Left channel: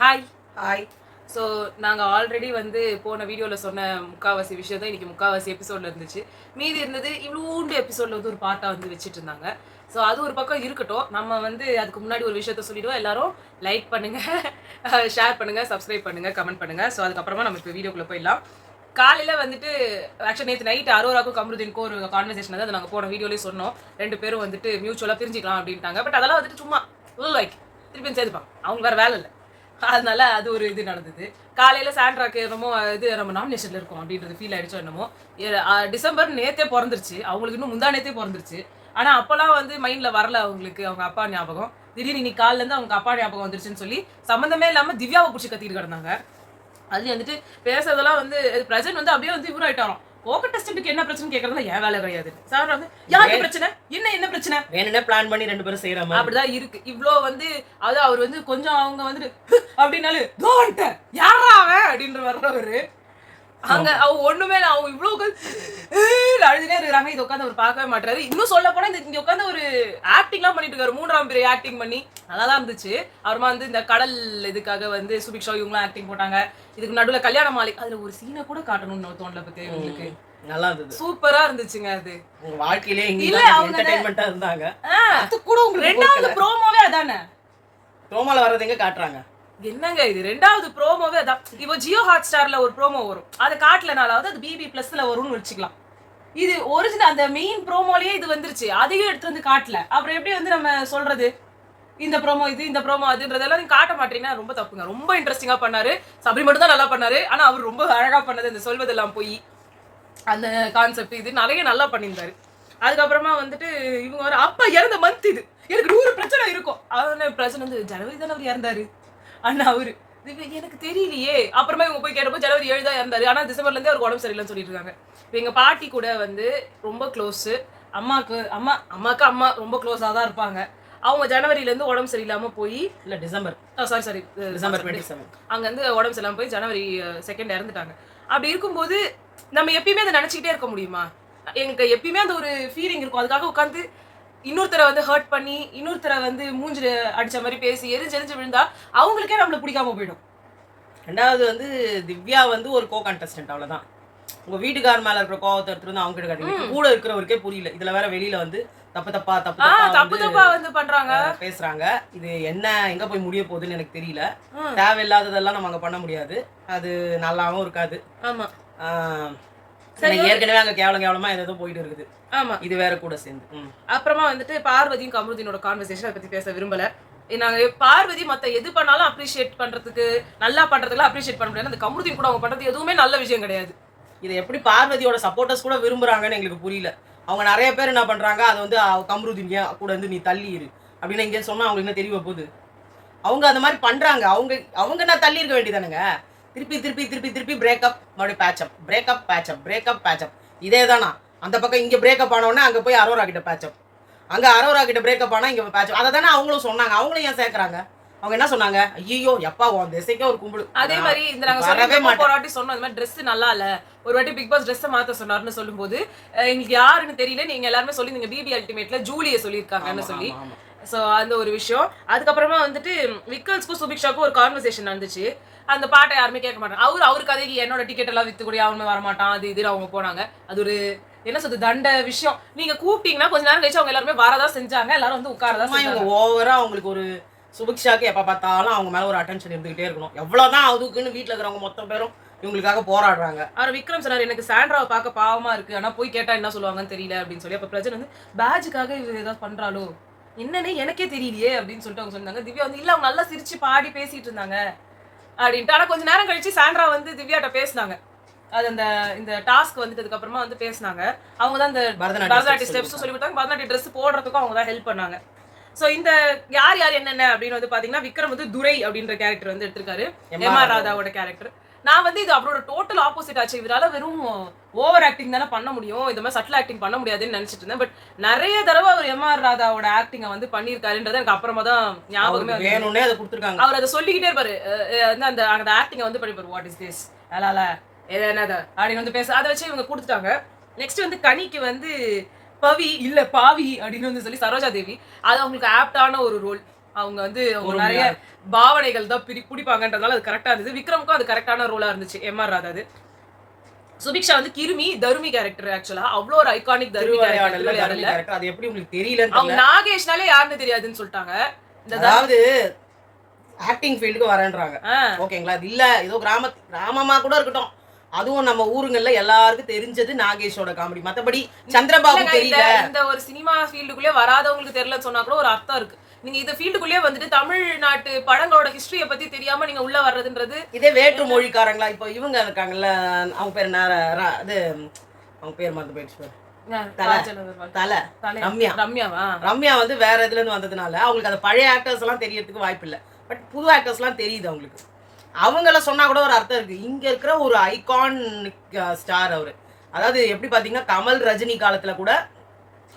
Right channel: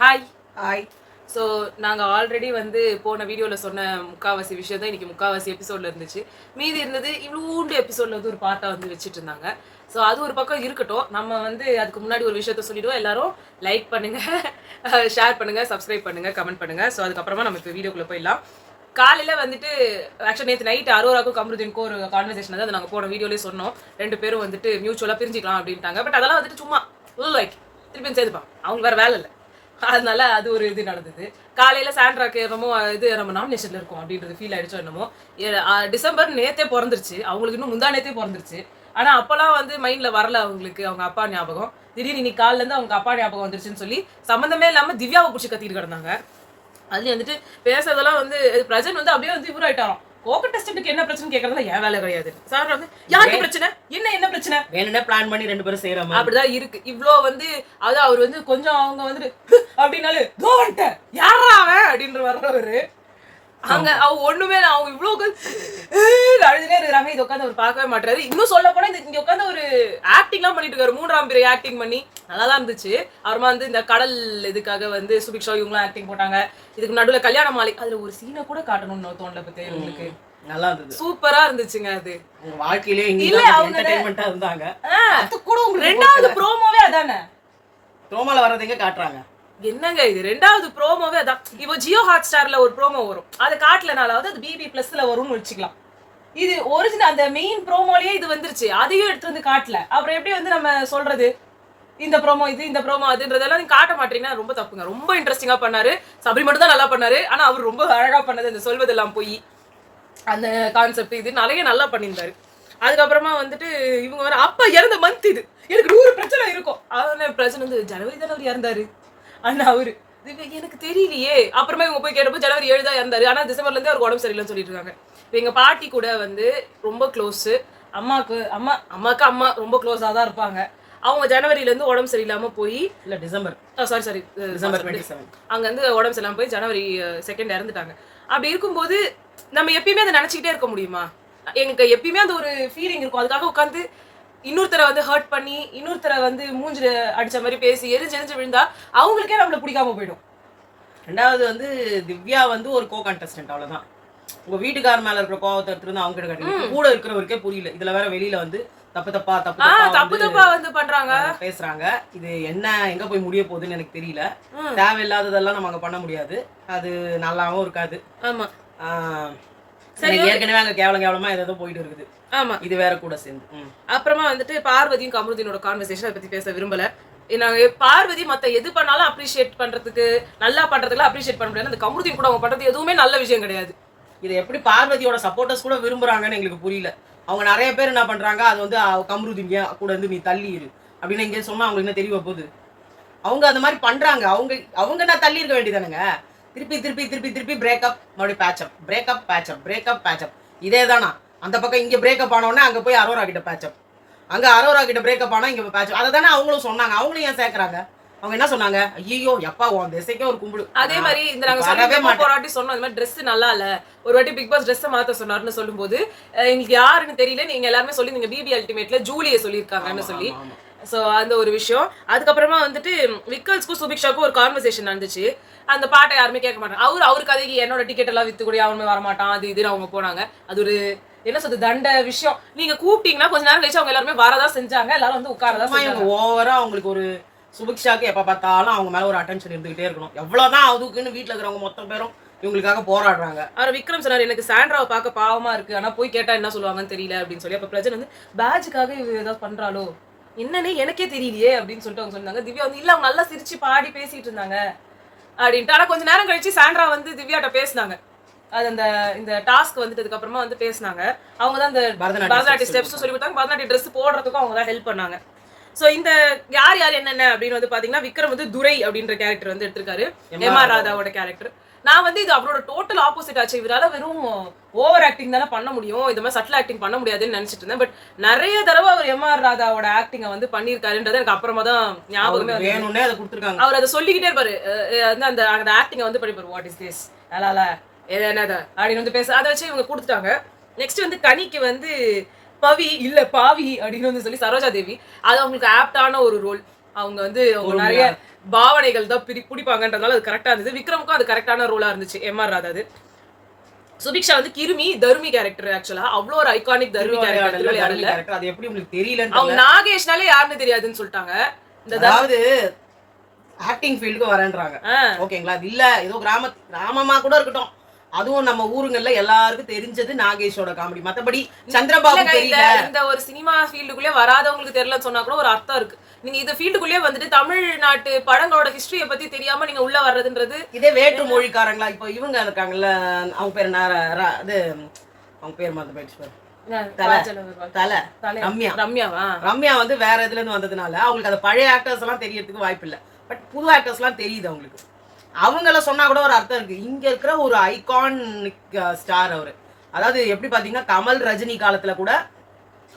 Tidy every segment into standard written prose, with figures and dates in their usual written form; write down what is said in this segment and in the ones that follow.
Hi. Hi. So நாங்கள் already வந்து போன வீடியோவில் சொன்ன முக்காவாசி விஷயம் தான் இன்றைக்கி முக்காவாசி எபிசோடில் இருந்துச்சு. மீதி இருந்தது இவ்வளோண்டு எபிசோடில் வந்து ஒரு பாட்டாக வந்து வச்சுட்டு இருந்தாங்க. ஸோ அது ஒரு பக்கம் இருக்கட்டும். நம்ம வந்து அதுக்கு முன்னாடி ஒரு விஷயத்த சொல்லிவிடுவோம். எல்லாரும் லைக் பண்ணுங்கள், ஷேர் பண்ணுங்கள், சப்ஸ்கிரைப் பண்ணுங்கள், கமெண்ட் பண்ணுங்கள். ஸோ அதுக்கப்புறமா நம்ம இப்போ வீடியோக்குள்ளே போயிடலாம். காலையில் வந்துட்டு ஆக்சுவலி நேற்று நைட்டு அரோராக்கும் கமருதீனுக்கும் ஒரு கான்வர்சேஷன் வந்து அதை நாங்கள் போன வீடியோலேயே சொன்னோம். 2 பேரும் வந்துட்டு மியூச்சுவலாக பிரிஞ்சிக்கலாம் அப்படின்ட்டாங்க. பட் அதெல்லாம் வந்துட்டு சும்மா லைக் திருப்பி சேர்த்துப்பாங்க, அவங்க வேறு வேலை இல்லை. அதனால அது ஒரு இது நடந்தது. காலையில சாண்ட்ராக்கு என்னமோ இது நம்ம நாமினேஷன்ல இருக்கோம் அப்படின்றது ஃபீல் ஆயிடுச்சோ என்னமோ. டிசம்பர் நேத்தே பிறந்துருச்சு, அவங்களுக்கு இன்னும் முந்தா நேத்தே பிறந்துருச்சு. ஆனா அப்பெல்லாம் வந்து மைண்ட்ல வரல அவங்களுக்கு அவங்க அப்பா ஞாபகம். திடீர்னு இன்னைக்கு காலில இருந்து அவங்க அப்பா ஞாபகம் வந்துருச்சுன்னு சொல்லி சம்மந்தமே இல்லாம திவ்யாவை பிடிச்சி கத்திட்டு கிடந்தாங்க. அதுலயும் வந்துட்டு பேசுறதெல்லாம் வந்து பிரசன்ட் வந்து அப்படியே வந்து இவர் ஆயிட்டாராம். கோக டெஸ்ட்டுக்கு என்ன பிரச்சனை கேட்கறதுல ஏன் வேலை கிடையாது. சார் வந்து யாருக்கு பிரச்சனை, என்ன பிரச்சனை வேணும்னே பிளான் பண்ணி 2 பேரும் செய்யற மாதிரி அப்படிதான் இருக்கு. இவ்ளோ வந்து அது அவர் வந்து கொஞ்சம் அவங்க வந்துட்டு அப்படின்னாலே தோன்ட்ட யாரா அவன் அப்படின்ற வர்றவரு அங்க அவங்க ஒண்ணுமே அவங்க இவ்வளவு அழுதுனே இருக்கிறாங்க. இது உட்காந்து அவர் பார்க்கவே மாட்டாரு. இன்னும் சொல்ல போனா இங்க உட்காந்து ஒரு ஆக்டிங் எல்லாம் பண்ணிட்டு இருக்காரு. 3ஆம் பிறை ஆக்டிங் பண்ணி நல்லாதான் இருந்துச்சு. அப்புறமா வந்து இந்த கடல் இதுக்காக வந்து சுபிக்ஷா இவங்களும் ஆக்டிங் போட்டாங்க. இதுக்கு நடுவுல கல்யாண மாலை அதுல ஒரு சீனை கூட காட்டணும்னு தோணல பத்தி இவங்களுக்கு. நல்லா இருந்தது, சூப்பரா இருந்துச்சுங்க. அது வாழ்க்கையிலே இல்ல அவங்க என்டர்டெயின்மெண்டா இருந்தாங்க. அது கூட உங்களுக்கு 2வது ப்ரோமோவே அதானே. ப்ரோமோல வரது எங்க காட்டுறாங்க? என்னங்க இது 2வது ப்ரோமோவே அதான். இப்போ ஜியோ ஹாட் ஸ்டார்ல ஒரு ப்ரோமோ வரும், அதை காட்டலனாலாவது அது பிபி பிளஸ்ல வரும்னு வச்சுக்கலாம். இது ஒரிஜினல் அந்த மெயின் ப்ரோமோலயே இது வந்துருச்சு, அதையும் எடுத்து வந்து காட்டல. அப்புறம் எப்படி வந்து நம்ம சொல்றது இந்த ப்ரோமோ இது இந்த ப்ரோமோ அதுன்றதெல்லாம் நீங்க காட்ட மாட்டீங்கன்னா ரொம்ப தப்புங்க. ரொம்ப இன்ட்ரெஸ்டிங்கா பண்ணாரு. சபரி மட்டும் தான் நல்லா பண்ணாரு. ஆனா அவர் ரொம்ப அழகா பண்ணது இந்த சொல்வதெல்லாம் போய் அந்த கான்செப்ட் இது நிறைய நல்லா பண்ணியிருந்தாரு. அதுக்கப்புறமா வந்துட்டு இவங்க வர அப்ப இறந்த மந்த் இது எனக்கு 100 பிரச்சனை இருக்கும். அதனால பிரச்சனை வந்து ஜனவரி தானே அவர் இறந்தாரு அண்ணா அவரு எனக்கு தெரியலையே. அப்புறமா இவங்க போய் கேட்டப்போ ஜனவரி 7 தான் இருந்தாரு. ஆனா டிசம்பர்ல இருந்தே அவருக்கு உடம்பு சரியில்லைன்னு சொல்லிட்டு இருக்காங்க. எங்க பாட்டி கூட வந்து ரொம்ப க்ளோஸ். அம்மாக்கு அம்மா ரொம்ப க்ளோஸா தான் இருப்பாங்க. அவங்க ஜனவரியில இருந்து உடம்பு சரியில்லாம போய் இல்ல டிசம்பர் டிசம்பர் 27 அங்க இருந்து உடம்பு சரியில்லாம போய் ஜனவரி 2 இறந்துட்டாங்க. அப்படி இருக்கும்போது நம்ம எப்பயுமே அதை நினைச்சுக்கிட்டே இருக்க முடியுமா? எனக்கு எப்பயுமே அந்த ஒரு ஃபீலிங் இருக்கும். அதுக்காக உட்காந்து இன்னொருத்தரை வந்து ஹர்ட் பண்ணி இன்னொருத்தரை வந்து மூஞ்சில அடிச்ச மாதிரி பேசி எரிஞ்சு விழுந்தா அவங்களுக்கே நம்மள பிடிக்காம போயிடும். 2வது வந்து திவ்யா வந்து ஒரு கோ கண்டஸ்டன்ட், அவ்வளவுதான். உங்க வீட்டுக்கார மேல இருக்கிற கோவத்தை எடுத்துட்டு அவங்க கிட்ட காட்டுங்க. கூட இருக்கிறவருக்கே புரியல. இதுல வேற வெளியில வந்து தப்பா வந்து பண்றாங்க, பேசுறாங்க. இது என்ன எங்க போய் முடிய போகுதுன்னு எனக்கு தெரியல. தேவையில்லாததெல்லாம் நம்ம அங்க பண்ண முடியாது. அது நல்லாவும் இருக்காது. ஆமா சரி, ஏற்கனவே அங்க கேவலமா ஏதோ போயிட்டு இருக்குது. ஆமா, இது வேற கூட சேர்ந்து. அப்புறமா வந்துட்டு பார்வதியும் கமருதீனோட கான்வர்சேஷன் அதை பத்தி பேச விரும்பல. நாங்க பார்வதி மத்த எது பண்ணாலும் அப்ரிஷியேட் பண்றதுக்கு நல்லா பண்றதுக்குலாம் அப்ரிஷியேட் பண்ண முடியாது. அந்த கமருதீன் கூட அவங்க பண்றது எதுவுமே நல்ல விஷயம் கிடையாது. இது எப்படி பார்வதியோட சப்போர்ட்டர்ஸ் கூட விரும்புறாங்கன்னு எங்களுக்கு புரியல. அவங்க நிறைய பேர் என்ன பண்றாங்க, அது வந்து கமருதீன் கூட வந்து நீ தள்ளி இரு அப்படின்னு இங்கே சொன்னா அவங்களுக்கு என்ன தெரிய போகுது? அவங்க அந்த மாதிரி பண்றாங்க. அவங்க நான் தள்ளி இருக்க வேண்டியதானுங்க. திருப்பி பிரேக்கப், மறுபடியும் பேச்சப் இதே தானா? அந்த பக்கம் இங்க பிரேக்கப் ஆனோடனே அங்க போய் அரோரா கிட்ட பேச்சப், அங்க அரோரா கிட்ட பிரேக்கப் ஆனா இங்க பேச்சப். அதை தானே அவங்களும் சொன்னாங்க. அவங்களும் ஏன் சேர்க்கறாங்க? அவங்க என்ன சொன்னாங்க? ஐயோ எப்பா உன் திசைக்கே ஒரு கும்பிடு. அதே மாதிரி இந்த நாங்க போராட்டி சொன்னோம், இந்த மாதிரி ட்ரெஸ் நல்லா இல்ல, ஒரு வாட்டி பிக் பாஸ் ட்ரெஸ் மாத்த சொன்னாருன்னு சொல்லும்போது எங்களுக்கு யாருன்னு தெரியல. நீங்க எல்லாருமே சொல்லி நீங்க பிபி அல்டிமேட்ல ஜூலியை சொல்லியிருக்காங்கன்னு சொல்லி. ஸோ அந்த ஒரு விஷயம். அதுக்கப்புறமா வந்துட்டு விக்கல்ஸ்க்கும் சுபிக்ஷாக்கும் ஒரு கான்வர்சேஷன் நடந்துச்சு. அந்த பாட்டை யாருமே கேட்க மாட்டாங்க. அவர் கதைக்கு என்னோட டிக்கெட் எல்லாம் வித்து கூட அவனுமே வரமாட்டான் அது இதுன்னு அவங்க போனாங்க. அது ஒரு என்ன சொல்றது தண்ட விஷயம். நீங்க கூப்பிட்டீங்கன்னா கொஞ்ச நேரம் கழிச்சு அவங்க எல்லாருமே வரதான் செஞ்சாங்க. எல்லாரும் வந்து உட்காரதான் செஞ்சாங்க. ஓவரா அவங்களுக்கு ஒரு சுபிக்ஷாக்கு எப்ப பார்த்தாலும் அவங்க மேல ஒரு அட்டென்ஷன் இருந்துகிட்டே இருக்கணும். எவ்வளவுதான் அதுக்குன்னு வீட்டுல இருக்கிறவங்க மொத்த பேரும் இவங்களுக்காக போராடுறாங்க. அவர் விக்ரம் சொன்னார் எனக்கு சாண்ட்ராவை பார்க்க பாவமா இருக்கு, ஆனா போய் கேட்டா என்ன சொல்லுவாங்கன்னு தெரியல அப்படின்னு சொல்லி. அப்ப பிரச்சனை வந்து பேட்ஜுக்காக இவ ஏதாவது பண்றாளோ என்னன்னு எனக்கே தெரியலையே அப்படின்னு சொல்லிட்டு அவங்க சொன்னாங்க. திவ்யா வந்து இல்ல அவங்க நல்லா சிரிச்சு பாடி பேசிட்டு இருந்தாங்க அப்படின்ட்டு. ஆனா கொஞ்ச நேரம் கழிச்சு சாண்ட்ரா வந்து திவ்யாட்ட பேசினாங்க. அது அந்த இந்த டாஸ்க் வந்துட்டதுக்கு அப்புறமா வந்து பேசினாங்க. அவங்க தான் இந்த பரதநாட்டிய ஸ்டெப்ஸ் சொல்லி கொடுத்தாங்க. பரதநாட்டிய ட்ரெஸ் போடுறதுக்கும் அவங்க தான் ஹெல்ப் பண்ணாங்க. ஸோ இந்த யார் என்னென்ன அப்படின்னு வந்து பாத்தீங்கன்னா விக்ரம் வந்து துரை அப்படின்ற கேரக்டர் வந்து எடுத்திருக்காரு, எம்ஆர் ராதாவோட கேரக்டர். நான் வந்து இது அவரோட டோட்டல் ஆப்போசிட் ஆச்சு. இவரால வெறும் ஓவர் ஆக்டிங் தானே பண்ண முடியும், இந்த மாதிரி சட்டில் ஆக்டிங் பண்ண முடியாதுன்னு நினைச்சிட்டு இருந்தேன். பட் நிறைய தடவை அவர் எம்ஆர் ராதாவோட ஆக்டிங்கை வந்து பண்ணியிருக்காருன்றது எனக்கு அப்புறமா தான் ஞாபகமே வந்து. அவர் அதை சொல்லிக்கிட்டே இருப்பாரு, அந்த அந்த ஆக்டிங்கை வந்து பண்ணிப்பாரு. வாட் இஸ் திஸ் அலால என்னது அப்படின்னு வந்து பேச அதை வச்சு இவங்க கொடுத்துட்டாங்க. நெக்ஸ்ட் வந்து கனிக்கு வந்து பவி இல்ல பாவி அப்படின்னு வந்து சொல்லி சரோஜா தேவி, அது அவங்களுக்கு ஆப்டான ஒரு ரோல். அவங்க வந்து அவங்க நிறைய பாவனைகள் தான் பிடிப்பாங்கன்றதால அது கரெக்டா இருந்தது. விக்ரமுக்கும் அது கரெக்டான ரோலா இருந்துச்சு. எம்ஆர் ராதா அது. சுபிக்ஷா வந்து கிருமி தருமி கேரக்டர். ஆக்சுவலா அவ்வளோ ஒரு ஐகானிக் தருமி கேரக்டர் திருவிளையாடல. அது எப்படி உங்களுக்கு தெரியல? அவங்க நாகேஷ்னாலே யாருன்னு தெரியாதுன்னு சொல்லிட்டாங்க. அதாவது ஆக்டிங் ஃபீல்டுக்கு வரேன்றாங்க. ஓகேங்களா? அது இல்ல ஏதோ கிராமமா கூட இருக்கட்டும், அதுவும் நம்ம ஊருங்கள்ல எல்லாருக்கும் தெரிஞ்சது நாகேஷோட காமெடி. மத்தபடி சந்திரபாபு தெரியல. இந்த ஒரு சினிமா ஃபீல்டுக்குள்ளே வராதவங்களுக்கு தெரியலன்னு சொன்னா கூட ஒரு அர்த்தம் இருக்கு. நீங்க இந்த ஃபீல்டுக்குள்ளே வந்துட்டு தமிழ்நாட்டு படங்களோட ஹிஸ்டரிய பத்தி தெரியாம நீங்க உள்ள வர்றதுன்றது. இதே வேற்று மொழிக்காரங்களா இப்போ இவங்க இருக்காங்கல்ல, அவங்க பேர் என்ன, அது அவங்க பேர் மறந்து போயிடுச்சு. ரம்யா வந்து வேற இதுல இருந்து வந்ததுனால அவங்களுக்கு அந்த பழைய ஆக்டர்ஸ் எல்லாம் தெரியறதுக்கு வாய்ப்பு இல்லை. பட் புது ஆக்டர்ஸ் எல்லாம் தெரியுது அவங்களுக்கு. அவங்கள சொன்னா கூட ஒரு அர்த்தம் இருக்கு. இங்க இருக்கிற ஒரு ஐகானிக் ஸ்டார் அவரு. அதாவது எப்படி பாத்தீங்கன்னா கமல் ரஜினி காலத்துல கூட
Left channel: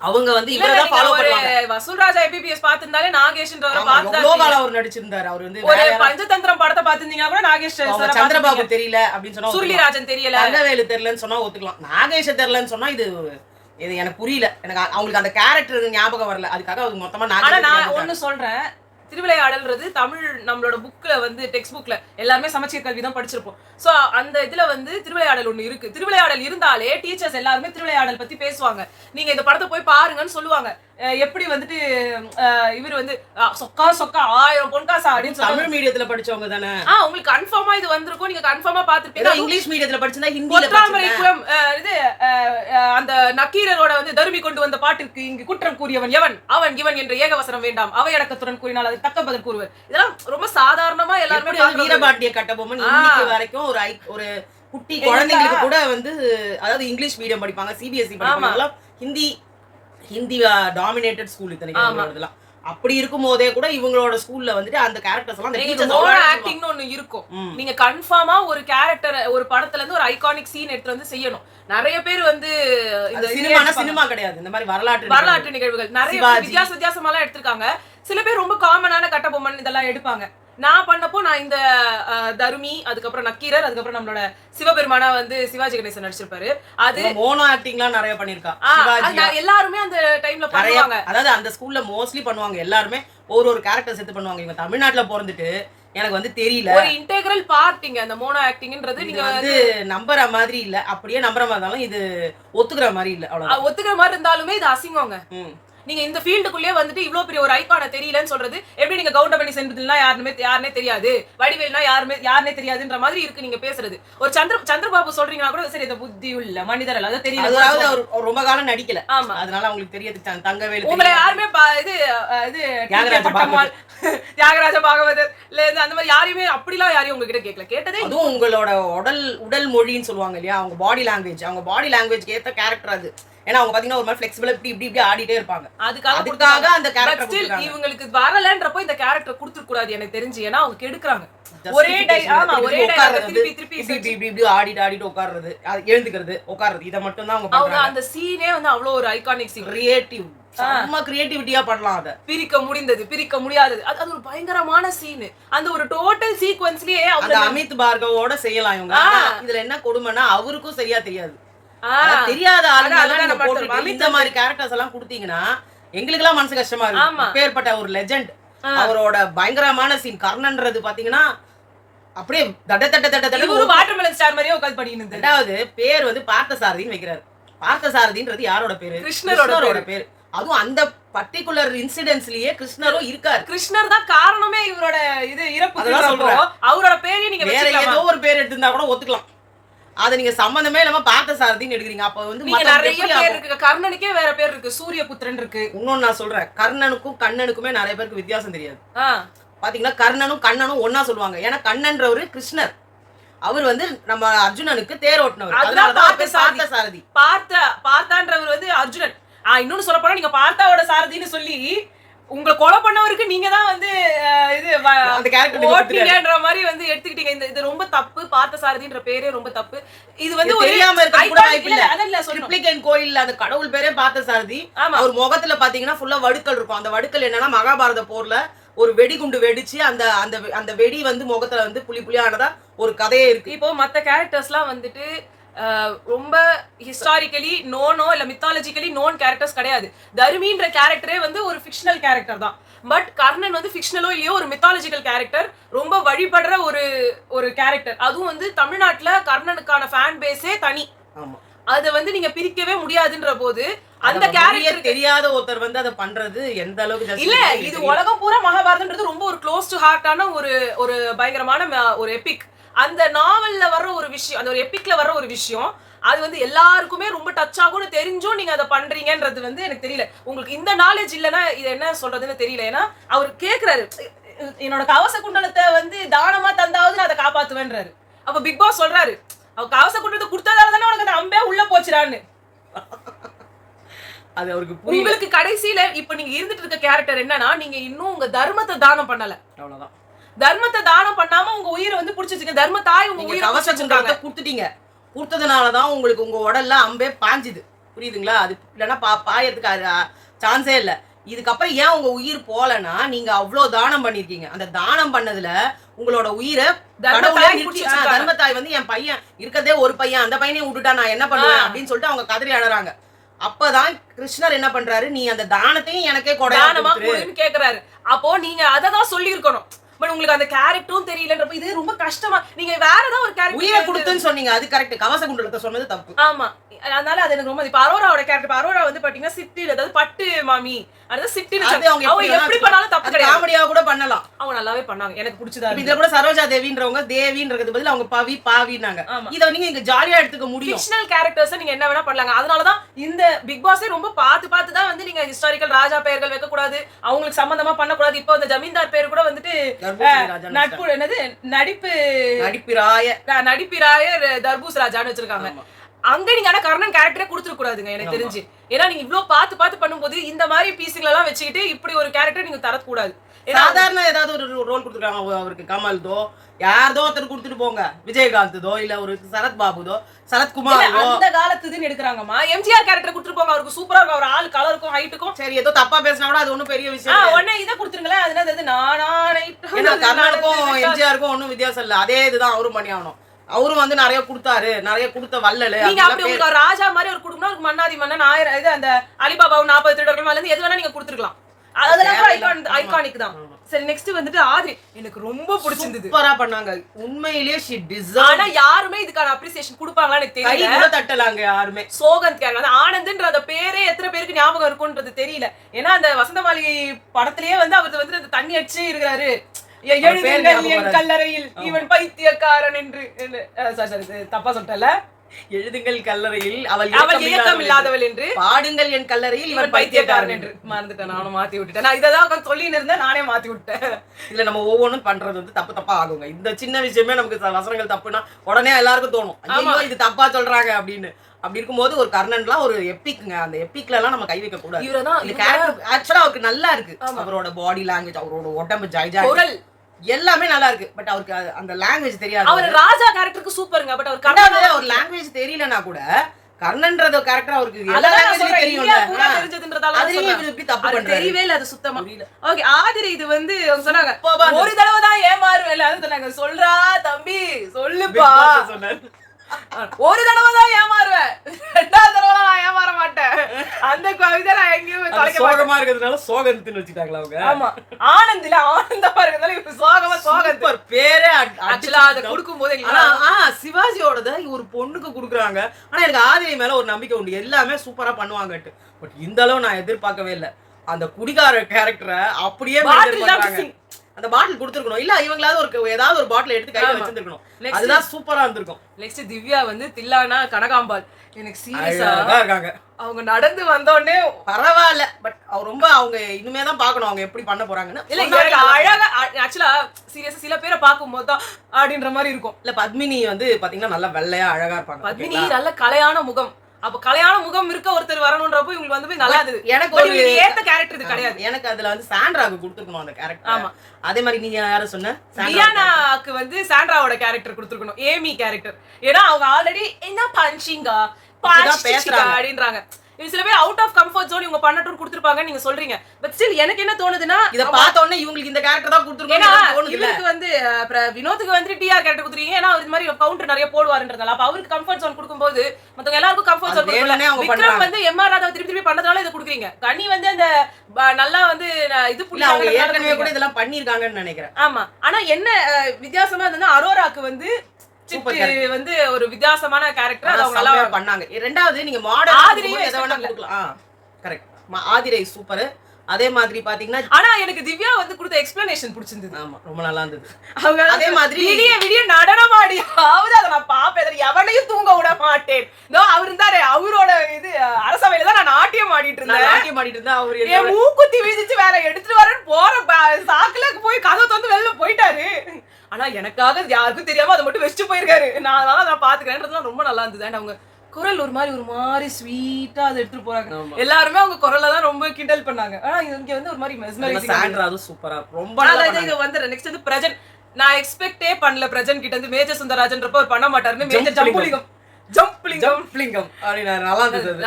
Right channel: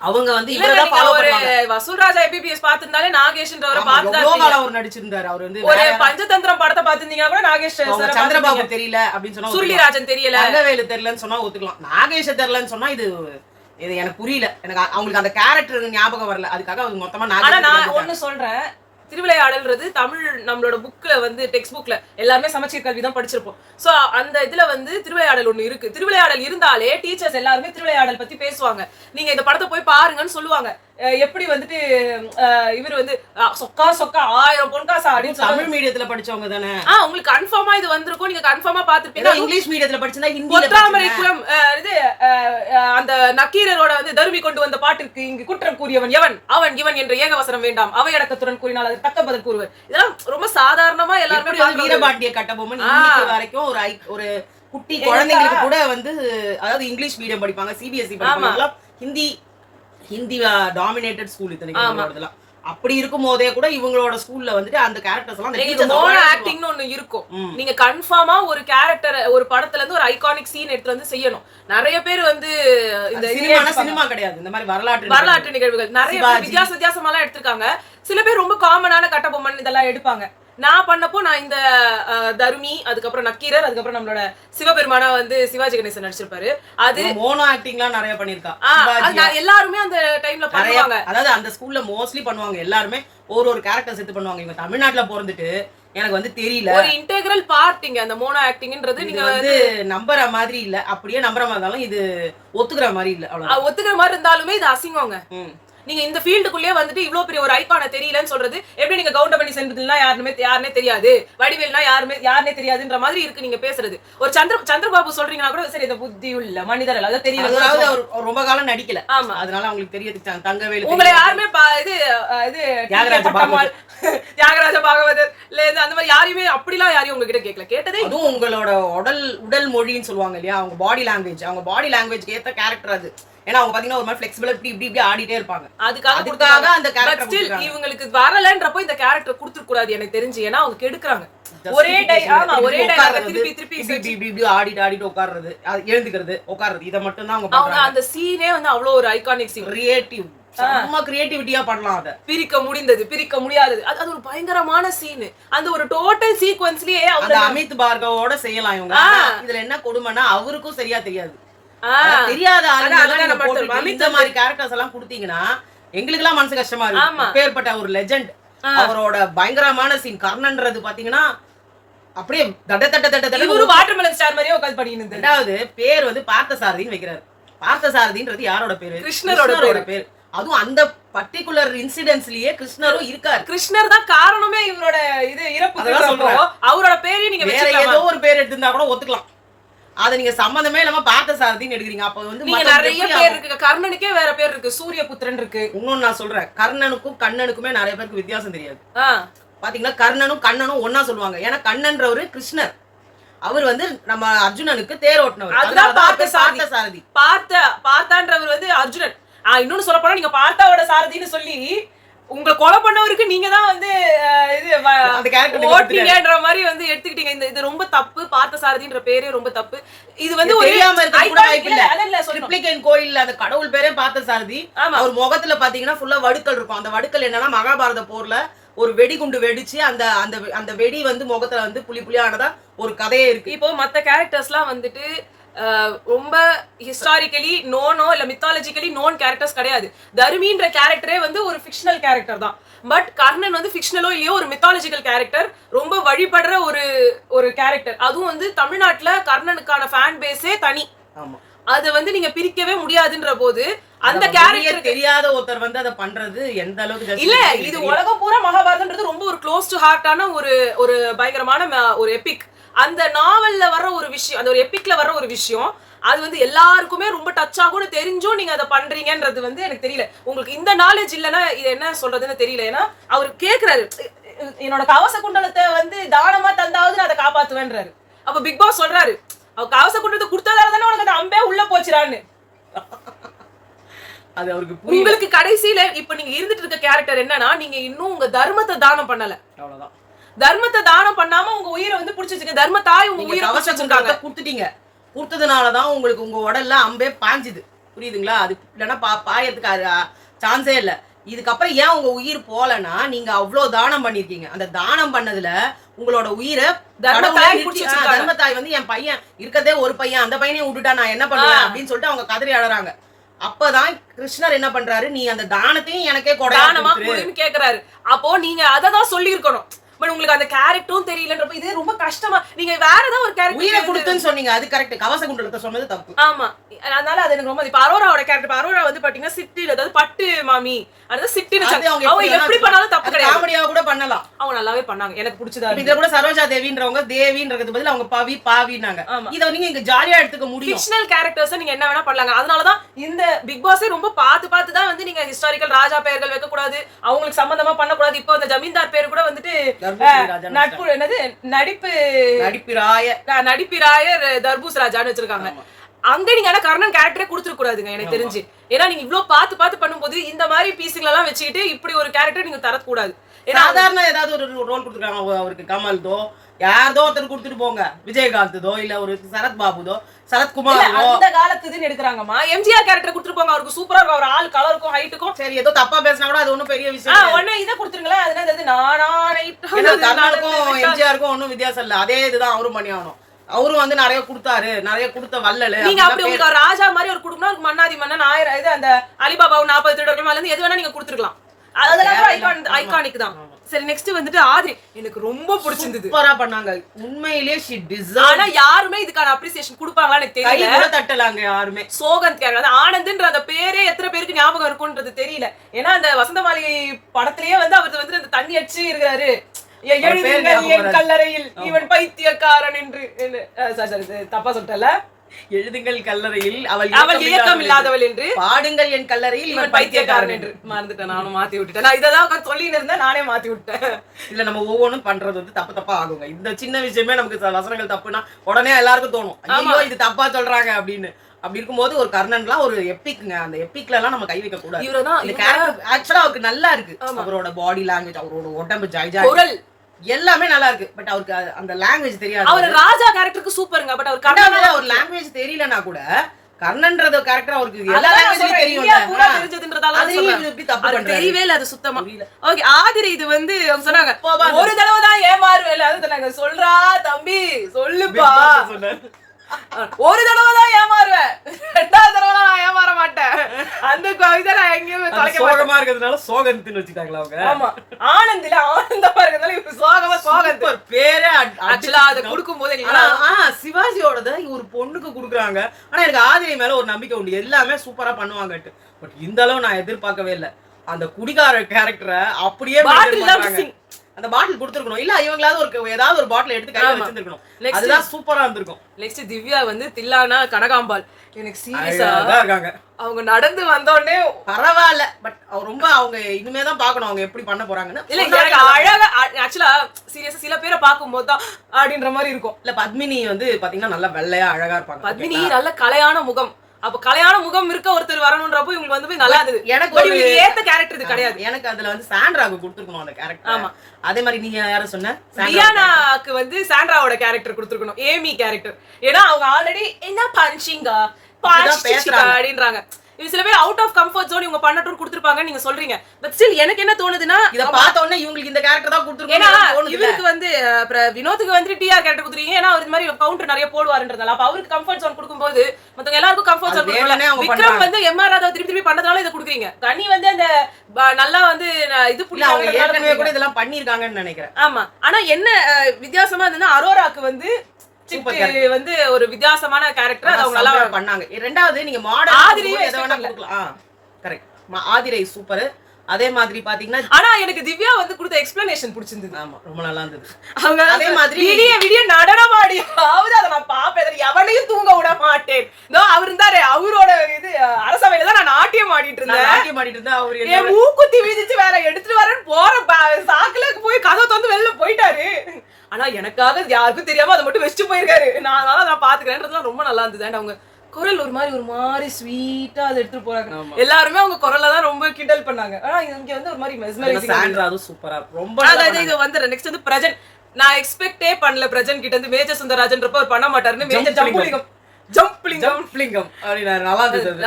அவங்க வந்து இவரதான் ஃபாலோ பண்ணுவாங்க. வசூல்ராஜா எபிபிஎஸ் பாத்துட்டாலே நாகேஷ்ன்றவரை பார்த்துதான் அவர் நடிச்சிருந்தாரு. அவர் வந்து ஒரு பஞ்சதந்திரம் படத்தை பாத்துட்டீங்கன்னா கூட நாகேஷ் சார். சந்திரபாபு தெரியல அப்படின்னு சொன்னா, சுருளிராஜன் தெரியல, தங்கவேலு தெரியலன்னு சொன்னா ஒத்துக்கலாம். நாகேஷ் தெரியலன்னு சொன்னா இது எனக்கு புரியல. எனக்கு அவங்களுக்கு அந்த கேரக்டர் ஞாபகம் வரல. அதுக்காக அவங்க மொத்தமா நான் ஒண்ணு சொல்றேன். திருவிளையாடல்ன்றது தமிழ் நம்மளோட புக்ல வந்து டெக்ஸ்ட் புக்ல எல்லாருமே சமச்சீர் கல்வி தான் படிச்சிருப்போம். சோ அந்த இதுல வந்து திருவிளையாடல் ஒண்ணு இருக்கு. திருவிளையாடல் இருந்தாலே டீச்சர்ஸ் எல்லாருமே திருவிளையாடல் பத்தி பேசுவாங்க. நீங்க இந்த படத்தை போய் பாருங்கன்னு சொல்லுவாங்க. எப்படி வந்துட்டு இவர் வந்து சொக்கா சொக்கா 1000 பொன்காசா அப்படின்னு தமிழ் மீடியத்துல படிச்சவங்க தானே. உங்களுக்கு கன்ஃபார்மா இது வந்திருக்கும். நீங்க கன்ஃபார்மா பாத்துருப்பீங்க. இங்கிலீஷ் மீடியத்துல படிச்சிருந்தா ஹிந்தி. கொத்தாமரை குலம் இது அந்த நக்கீரரோட வந்து தருமி கொண்டு வந்த பாட்டிற்கு இங்கு குற்றம் கூறியவன் எவன், அவன் இவன் என்ற ஏகவசனம் வேண்டாம், அவை அடக்கத்துடன் கூறினால் அது தக்க பதில் கூறுவர். இதெல்லாம் ரொம்ப சாதாரணமா எல்லாருமே வீரபாட்டிய கட்டபொம்மன் இன்னைக்கு வரைக்கும் ஒரு குட்டி குழந்தைங்களுக்கு கூட வந்து, அதாவது இங்கிலீஷ் மீடியம் படிப்பாங்க, சிபிஎஸ்இ படிப்பாங்க, ஹிந்தி டாமினேட்டட் ஸ்கூல் இத்தனை. அப்படி இருக்கும் போதே கூட இவங்களோட ஸ்கூல்ல வந்துட்டு அந்த கேரக்டர்ஸ் எல்லாம் ஆக்டிங்னு ஒண்ணு இருக்கும். நீங்க கன்ஃபார்மா ஒரு கேரக்டர் ஒரு படத்துல இருந்து ஒரு ஐகானிக் சீன் எடுத்து வந்து செய்யணும். நிறைய பேர் வந்து இந்த சினிமா கிடையாது, இந்த மாதிரி வரலாற்று நிகழ்வுகள் நிறைய வித்தியாசமாலாம் எடுத்திருக்காங்க. சில பேர் ரொம்ப காமனான கட்டபொம்மன் இதெல்லாம் எடுப்பாங்க. நான் பண்ணப்போ நான் இந்த தருமி, அதுக்கப்புறம் நக்கீரர், அதுக்கப்புறம் நம்மளோட சிவபெருமானா வந்து சிவாஜி கணேசன் நடிச்சிருப்பாரு. அது மோனோ ஆக்டிங்லாம் நிறைய பண்ணிருக்கா. எல்லாருமே அந்த டைம்ல பண்ணுவாங்க. அதாவது அந்த ஸ்கூல்ல மோஸ்ட்லி பண்ணுவாங்க. எல்லாருமே ஒரு கேரக்டர் செட் பண்ணுவாங்க. இவங்க தமிழ்நாட்டுல பிறந்துட்டு எனக்கு வந்து தெரியல. ஒரு இன்டெகிரல் பார்ட்டிங்க அந்த மோனோ ஆக்டிங்ன்றது. நீங்க வந்து நம்புற மாதிரி இல்ல. அப்படியே நம்புற மாதிரி இருந்தாலும் இது ஒத்துக்கிற மாதிரி இல்ல. அவ்வளவு ஒத்துக்கிற மாதிரி இருந்தாலுமே இது அசிங்கங்க. நீங்க இந்த ஃபீல்டுக்குள்ளே வந்துட்டு இவ்வளவு பெரிய ஒரு ஐகான தெரியலன்னு சொல்றது எப்படி? நீங்க கவுண்டமணி செந்தில்னா யாருனே தெரியாது, வடிவேல்னா யாருனே தெரியாதுன்ற மாதிரி இருக்கு நீங்க பேசுறது. ஒரு சந்திரபாபு சொல்றீங்கன்னா கூட சரி, இந்த புத்தி உள்ள மனிதர் அதாவது தெரியல, ரொம்ப காலம் நடிக்கல. ஆமா, அதனால அவங்களுக்கு தெரியாது. தங்கவேலு உங்களை யாருமே பட்டம்மாள், தியாகராஜ பாகவதர் அந்த மாதிரி யாரையுமே அப்படிலாம் யாரையும் உங்ககிட்ட கேட்கல. கேட்டதே அதுவும் உங்களோட உடல் மொழின்னு சொல்லுவாங்க இல்லையா, அவங்க பாடி லாங்குவேஜ் ஏத்த கேரக்டர் அது. ஏன்னா அவங்க பாத்தீங்கன்னா ஒரு மாதிரி ஃபிளெக்சிபிளா இப்படி ஆடிட்டே இருப்பாங்க. அதுக்காக அந்த கேரக்டர் ஸ்டில் இவங்களுக்கு வரலன்றப்போ இந்த கேரக்டர் கொடுத்துட கூடாது எனக்கு தெரிஞ்சு. ஏன்னா அவங்க கெடுக்குறாங்க. ஒரே டைலாக திருப்பி ஆடிட்டு உட்கார்றது, எழுந்துக்கிறது, உட்கார்றது, இத மட்டும் தான் அவங்க அந்த சீனே வந்து அவ்வளவு ஒரு ஐகானிக் சீன். கிரியேட்டிவிட்டியா பண்ணலாம். அதை பிரிக்க முடியாதது அது ஒரு பயங்கரமான சீன். அந்த ஒரு டோட்டல் சீக்வென்ஸ்லயே அவங்க அமித் பார்கவோட செய்யலாம் இவங்க. இதுல என்ன கொடுமைனா அவருக்கும் சரியா தெரியாது. தெரியாத ஆளுங்க இந்த மாதிரி கேரக்டர்ஸ் எல்லாம் கொடுத்தீங்கன்னா எங்களுக்கு எல்லாம் மனசு கஷ்டமா இருக்கு. பேர்பட்ட ஒரு லெஜெண்ட், அவரோட பயங்கரமான சீன் கர்ணன்றது பாத்தீங்கன்னா அப்படியே வாட்டர்மெலன் ஸ்டார் மாதிரியே உட்கார்ந்து படிக்கணும். ரெண்டாவது பேர் வந்து பார்த்தசாரதின்னு வைக்கிறாரு. பார்த்தசாரதின்றது யாரோட பேரு? கிருஷ்ணரோட பேர். அதுவும் அந்த பர்டிகுலர் இன்சிடென்ட்ஸ்லயே கிருஷ்ணரும் இருக்காரு. கிருஷ்ணர் தான் காரணமே இவரோட இது இறப்பு. அவரோட பேரையும் நீங்க ஏதோ ஒரு பேர் எடுத்திருந்தா கூட ஒத்துக்கலாம். அத நீங்க சம்பந்தமே இல்லாம பார்த்தசாரதின்னு எடுக்கிறீங்க. அப்ப வந்து நீங்க நிறைய பேர் இருக்கு. கர்ணனுக்கே வேற பேர் இருக்கு, சூரியபுத்திரன் இருக்கு. இன்னொன்னு நான் சொல்றேன், கர்ணனுக்கும் கண்ணனுக்குமே நிறைய பேருக்கு வித்தியாசம் தெரியாது. பாத்தீங்கன்னா கர்ணனும் கண்ணனும் ஒன்னா சொல்லுவாங்க. ஏன்னா கண்ணன்றவரு கிருஷ்ணர், அவர் வந்து நம்ம அர்ஜுனனுக்கு தேர் ஓட்டுனவர். அதுதான் பார்த்தசாரதி. பார்த்தான்றவர் வந்து அர்ஜுனன். இன்னொன்னு சொல்ல போனா நீங்க பார்த்தாவோட சாரதின்னு சொல்லி உங்களை கொலை பண்ணவருக்கு நீங்க தான் வந்து இது ஓட்டிங்கன்ற மாதிரி வந்து எடுத்துக்கிட்டீங்க. இது ரொம்ப தப்பு. பார்த்த சாரதின்ற பேரே ரொம்ப தப்பு. இது வந்து ஒரு கோயில் அந்த கடவுள் பேரே பார்த்த சாரதி. அவர் முகத்துல பாத்தீங்கன்னா ஃபுல்லா வடுக்கள் இருக்கும். அந்த வடுக்கள் என்னன்னா மகாபாரத போர்ல ஒரு வெடிகுண்டு வெடிச்சு அந்த அந்த வெடி வந்து முகத்துல வந்து புளியானதா ஒரு கதையே இருக்கு. இப்போ மத்த கேரக்டர்ஸ் எல்லாம் வந்துட்டு ரொம்ப ஹிஸ்டாரிக்கலி நோனோ இல்ல மித்தாலஜிக்கலி நோன் கேரக்டர்ஸ் கிடையாது. தருமின்ற கேரக்டரே வந்து ஒரு ஃபிக்ஷனல் கேரக்டர் தான். பட் கர்ணன் வந்து ஃபிக்ஷனலோ இல்லையோ ஒரு மித்தாலஜிக்கல் கேரக்டர், ரொம்ப வழிபடுற ஒரு கேரக்டர். அதுவும் வந்து தமிழ்நாட்டுல கர்ணனுக்கான ஃபேன் பேஸே தனி. ஆமா, அத வந்து நீங்க பிரிக்கவே முடியாதுன்ற போது அந்த கேரக்டர் தெரியாத ஒருத்தர் வந்து அதை பண்றது எந்த அளவுக்கு இல்ல, இது உலகம் பூரா மகாபாரதம்ன்றது ரொம்ப ஒரு க்ளோஸ் டு ஹார்ட்டான ஒரு பயங்கரமான ஒரு எபிக். அந்த நாவல்ல வர்ற ஒரு விஷயம், அந்த ஒரு எபிக்ல வர்ற ஒரு விஷயம், அது வந்து எல்லாருக்குமே ரொம்ப டச் ஆகும்னு தெரிஞ்சும் நீங்க அதை பண்றீங்கன்றது வந்து எனக்கு தெரியல. உங்களுக்கு இந்த நாலேஜ் இல்லைன்னா இது என்ன சொல்றதுன்னு தெரியல. ஏன்னா அவர் கேக்குறாரு, என்னோட கவச குண்டலத்தை வந்து தானமா தந்தாவது நான் அதை காப்பாத்துவேன்றாரு. அப்ப பிக் பாஸ் சொல்றாரு, அவ கவச குண்டலத்தை கொடுத்ததால தானே உனக்கு அந்த அம்பே உள்ள போச்சுறான்னு. அது அவருக்கு உங்களுக்கு கடைசியில இப்ப நீங்க இருந்துட்டு இருக்க கேரக்டர் என்னன்னா, நீங்க இன்னும் உங்க தர்மத்தை தானம் பண்ணல. அவ்வளவுதான். தர்மத்தை தானம் பண்ணாம உங்க உயிரை வந்து புடிச்சு வச்சுக்க. தர்ம தாய் உங்க உயிரை புடிச்சு வச்சிருக்காங்க. கொடுத்துட்டீங்க. கொடுத்ததுனாலதான் உங்களுக்கு உங்க உடல்ல அம்பே பாஞ்சுது. புரியுதுங்களா? அது இல்லைன்னா பாயறதுக்கு சான்ஸே இல்ல. இதுக்கப்புறம் ஏன் உங்க உயிர் போலன்னா, நீங்க அவ்வளவு தானம் பண்ணிருக்கீங்க. அந்த தானம் பண்ணதுல உங்களோட உயிரை தர்மத்தாய் வந்து என் பையன் இருக்கதே ஒரு பையன், அந்த பையனையும் விட்டுட்டா நான் என்ன பண்ணுவேன் அப்படின்னு சொல்லிட்டு அவங்க கதறி அழறாங்க. அப்பதான் கிருஷ்ணர் என்ன பண்றாரு, நீ அந்த தானத்தையும் எனக்கே தானமா கொடுன்னு கேக்குறாரு. அப்போ நீங்க அததான் சொல்லி இருக்கணும். பட் உங்களுக்கு அந்த கேரக்டரும் தெரியலன்றப்ப இது ரொம்ப கஷ்டமா. நீங்க வேற ஏதாவது ஒரு கேரக்டர் உயிரை கொடுத்துன்னு சொன்னீங்க, அது கரெக்ட். கவச குண்டலத்தை சொன்னது தப்பு. ஆமா, அதனால அது எனக்கு ரொம்ப. இப்ப அரோராவோட கேரக்டர், அரோரா வந்து பாத்தீங்கன்னா சிட்டில, அதாவது பட்டு மாமி, அதாவது சிட்டில அவங்க எப்படி பண்ணாலும் தப்பு கிடையாது. காமெடியா கூட பண்ணலாம். அவங்க நல்லாவே பண்ணாங்க, எனக்கு பிடிச்சதா. இதுல கூட சரோஜா தேவின்றவங்க தேவின்றது பதில் அவங்க பாவினாங்க. இத நீங்க இங்க ஜாலியா எடுத்துக்க முடியும். ஃபிக்ஷனல் கேரக்டர்ஸ் நீங்க என்ன வேணா பண்ணலாங்க. அதனாலதான் இந்த பிக் பாஸே ரொம்ப பார்த்து தான் வந்து நீங்க ஹிஸ்டாரிக்கல் ராஜா பெயர்கள் வைக்க கூடாது, அவங்களுக்கு சம்பந்தமா பண்ண கூடாது. இப்போ இந்த ஜமீன்தார் பேரு கூட வந்துட்டு நட்பு என்னது நடிப்பிராயர் தர்பூஸ் ராஜான்னு வச்சிருக்காங்க. அங்க நீங்க ஆனா கர்ணன் கேரக்டரே கொடுத்துட கூடாதுங்க எனக்கு தெரிஞ்சு. ஏன்னா நீங்க இவ்வளவு பார்த்து பண்ணும்போது இந்த மாதிரி பீசிங் எல்லாம் வச்சுக்கிட்டு இப்படி ஒரு கேரக்டர் நீங்க தரக்கூடாது. சாதாரண ஏதாவது ஒரு ரோல் கொடுத்துருக்காங்க அவருக்கு, கமல்தோ யாரதோ ஒருத்தர் கொடுத்துட்டு போங்க, விஜயகாந்தோ இல்ல ஒரு சரத் பாபுதோ சரத்குமார் அந்த காலத்துதுன்னு எடுக்கிறாங்கம்மா. எம்ஜிஆர் கேரக்டர் கொடுத்துட்டு போங்க, அவருக்கு சூப்பரா இருக்கும், அவர் ஆள் கலருக்கும் ஹைட்டுக்கும். சரி, ஏதோ தப்பா பேசினா கூட அது ஒண்ணும் பெரிய விஷயம். உடனே இதை கொடுத்துருங்களேன். அதனால கர்நாடகம் எம்ஜிஆருக்கும் ஒன்னும் வித்தியாசம் இல்ல, அதே இதுதான் அவரும் பண்ணி ஆகணும். அவரும் வந்து நிறைய கொடுத்தாரு, நிறைய கொடுத்த வல்லல. நீங்க அப்படி உங்களுக்கு ராஜா மாதிரி ஒரு குடும்பம் மன்னாதி மன்னன் 1000 இது அந்த அலிபாபா 40 திருடர்கள் மேல இருந்து எது வேணா நீங்க கொடுத்துருக்கலாம். அதெல்லாம் ஐகானிக் தான். சரி, நெக்ஸ்ட் வந்துட்டு ஆதிரி எனக்கு ரொம்ப பிடிச்சிருந்தது. சூப்பரா பண்ணாங்க உண்மையிலேயே. She deserve. ஆனா யாருமே இதுக்கான அப்ரிசியேஷன் கொடுப்பாங்களான்னு எனக்கு தெரியல. கையில தட்டலாங்க யாருமே. சோகந்த் கேரக்டர் ஆனந்த்ன்ற அந்த பேரே எத்தனை பேருக்கு ஞாபகம் இருக்கும்ன்றது தெரியல. ஏன்னா அந்த வசந்த மாளிகை படத்திலேயே வந்து அவர் வந்து அந்த தண்ணி அடிச்சு இருக்கிறாரு, எழுதுங்கள் என் கல்லறையில் இவன் பைத்தியக்காரன் என்று. தப்பா சொல்லிட்டல, எழுதுங்கள் கல்லறையில் அவள் இயக்கம் இல்லாதவள் என்று, பாடுங்கள் என் கல்லறையில் இவன் பைத்தியக்காரன் என்று. மறந்துட்டேன், நானும் மாத்தி விட்டுட்டேன். நான் இததான் சொல்லின்னு இருந்தேன், நானே மாத்தி விட்டேன். இல்ல நம்ம ஒவ்வொன்றும் பண்றது வந்து தப்பா ஆகுங்க. இந்த சின்ன விஷயமே நமக்கு வசனங்கள் தப்புனா உடனே எல்லாருக்கும் தோணும், ஐயோ இது தப்பா சொல்றாங்க அப்படின்னு. அப்படி இருக்கும்போது ஒரு கர்ணன்லாம் ஒரு எப்பிக்ங்க. அந்த எப்பிக்ல எல்லாம் நம்ம கை வைக்க கூடாது. இவரதான் ஆக்சுவலா அவருக்கு நல்லா இருக்கு. அவரோட பாடி லாங்குவேஜ், அவரோட உடம்பு ஜைஜா எல்லாமே நல்லா இருக்கு. பட் அவருக்கு அந்த லாங்குவேஜ் தெரியாது. அவர் ராஜா கேரக்டருக்கு சூப்பருங்க. பட் அவர் கர்ணன்ல ஒரு லாங்குவேஜ் தெரியலனா கூட கர்ணன்ன்ற கேரக்டர் அவருக்கு தெரியவே இல்ல. அது சுத்தமா ஓகே. ஆதிரி இது வந்து அவங்க சொன்னாங்க ஒரு தடவை தான் ஏமாறுவேன். அது சொன்னாங்க, சொல்றா தம்பி சொல்லுப்பா, ஒரு தடவை தான் ஏமாறுவேன், 2வது தடவை நான் ஏமாற மாட்டேன். அந்த கவிதை நான் எங்கேயுமே தொலைக்க மாட்டேன். சோகமா இருக்கிறதுனால சோகந்த்னு வச்சுட்டாங்களா அவங்க? ஆமா, ஆனந்த்ல ஆனந்தமா இருக்கிறதுனால இப்ப சோகமா சோகந்த் பேரே. ஆக்சுவலா அதை கொடுக்கும்போது சிவாஜியோடத ஒரு பொண்ணுக்கு குடுக்குறாங்க. ஆனா எனக்கு ஆதிரி மேல ஒரு நம்பிக்கை உண்டு, எல்லாமே சூப்பரா பண்ணுவாங்கட்டு. பட் இந்த அளவு நான் எதிர்பார்க்கவே இல்லை. அந்த குடிகார கேரக்டரை அப்படியே அந்த பாட்டில் கொடுத்துருக்கணும். இல்ல இவங்களாவது ஏதாவது ஒரு பாட்டில் எடுத்து கையில வச்சிருக்கணும். அதுதான் சூப்பரா இருந்திருக்கும். நெக்ஸ்ட் திவ்யா வந்து தில்லானா கனகாம்பாள். எனக்கு சீரியஸா இருக்காங்க. அவங்க நடந்து வந்தோடனே பரவாயில்ல. பட் ரொம்ப அவங்க இனிமே தான் பார்க்கணும் அவங்க எப்படி பண்ண போறாங்கன்னு. இல்ல எனக்கு அழகா ஆக்சுவலா சீரியஸா சில பேரை பார்க்கும்போது தான் அப்படின்ற மாதிரி இருக்கும். இல்ல பத்மினி வந்து பாத்தீங்கன்னா நல்லா வெள்ளையா அழகா இருப்பாங்க. பத்மினி நல்ல கலையான முகம். அப்ப கல்யாண முகம் இருக்க ஒருத்தர் வரணும்ன்றப்போ இவங்களுக்கு வந்து போய் நல்லா இருந்தது. எனக்கு ஏத்த கேரக்டர் இது கிடையாது. எனக்கு அதுல வந்து சாண்ட்ராக்கு கொடுத்துருக்கணும் அந்த கேரக்டர். ஆமா, அதே மாதிரி நீங்க யாரும் சொன்ன டியானாக்கு வந்து சாண்ட்ராவோட கேரக்டர் கொடுத்துருக்கணும், ஏமி கேரக்டர். ஏன்னா அவங்க ஆல்ரெடி என்ன பஞ்சிங்கா பேசுறாங்க அப்படின்றாங்க. இது சில பேர் அவுட் ஆஃப் கம்ஃபர்ட் ஜோன் இவங்க பண்ணட்டும் கொடுத்துருப்பாங்கன்னு நீங்க சொல்றீங்க. பட் ஸ்டில் எனக்கு என்ன தோணுதுன்னா இத பார்த்த உடனே இவங்களுக்கு இந்த கேரக்டர் தான் ஏன்னா கொடுத்துருக்காங்க. இவருக்கு வந்து அப்புறம் வினோத்துக்கு வந்து டிஆர் கேரக்டர் கொடுத்துருக்கீங்க. ஏன்னா அவர் இது மாதிரி கவுண்டர் நிறைய போடுவாருன்றதால அப்ப அவருக்கு கம்ஃபர்ட் ஜோன் கொடுக்கும்போது மத்தவங்க எல்லாருக்கும் கம்ஃபர்ட் ஜோன் கொடுக்கல. விக்ரம் வந்து எம்ஆர் ராதாவை திருப்பி பண்றதால இதை கொடுக்குறீங்க. கனி வந்து அந்த நல்லா வந்து இது புடிச்சாங்க கூட இதெல்லாம் பண்ணிருக்காங்கன்னு நினைக்கிறேன். ஆமா. ஆனா என்ன வித்தியாசமா இருந்ததுன்னா அரோராக்கு வந்து வந்து ஒரு வித்தியாசமான கேரக்டர் அது அவங்க நல்லா பண்ணாங்க. ரெண்டாவது நீங்க மாடல் ஆதிரையும் எதை வேணா கொடுக்கலாம். கரெக்ட். ஆதிரை சூப்பர். அதே மாதிரி பாத்தீங்கன்னா ஆனா எனக்கு திவ்யா வந்து கொடுத்த எக்ஸ்பிளனேஷன் பிடிச்சிருந்தது. ஆமா ரொம்ப நல்லா இருந்தது. அவங்க அதே மாதிரி விடிய நடனமாடியாவது அதை நான் பாப்பேன். எவனையும் தூங்க விட மாட்டேன். அவர் இருந்தாரு அவரோட இது அரசவையில தான் நான் நாட்டியம் ஆடிட்டு இருந்தேன். அவரு என் மூக்குத்தி வீதிச்சு வேற எடுத்துட்டு வரேன்னு போற சாக்குல போய் கதை வந்து வெளில போயிட்டாரு. ஆனா எனக்காக யாருக்கும் தெரியாம அதை மட்டும் வச்சுட்டு போயிருக்காரு. நான் அதனால நான் பாத்துக்கிறேன். ரொம்ப நல்லா இருந்தது. அவங்க குரல் ஒரு மாதிரி ஸ்வீட்டா அதை எடுத்துட்டு போறாங்க. எல்லாருமே அவங்க குரல்ல தான் ரொம்ப கிண்டல் பண்ணாங்க. ஆனா இங்க வந்து ஒரு மாதிரி மெஸ்மரைசிங் சூப்பரா ரொம்ப இது வந்து நெக்ஸ்ட் வந்து பிரஜன். நான் எக்ஸ்பெக்டே பண்ணல பிரஜன் கிட்ட இருந்து மேஜர் சுந்தரராஜன்றப்ப அவர் பண்ண மாட்டாருன்னு மேஜர் ஜம்புலிங்கம் அப்படினாரு. நல்லா இருந்தது.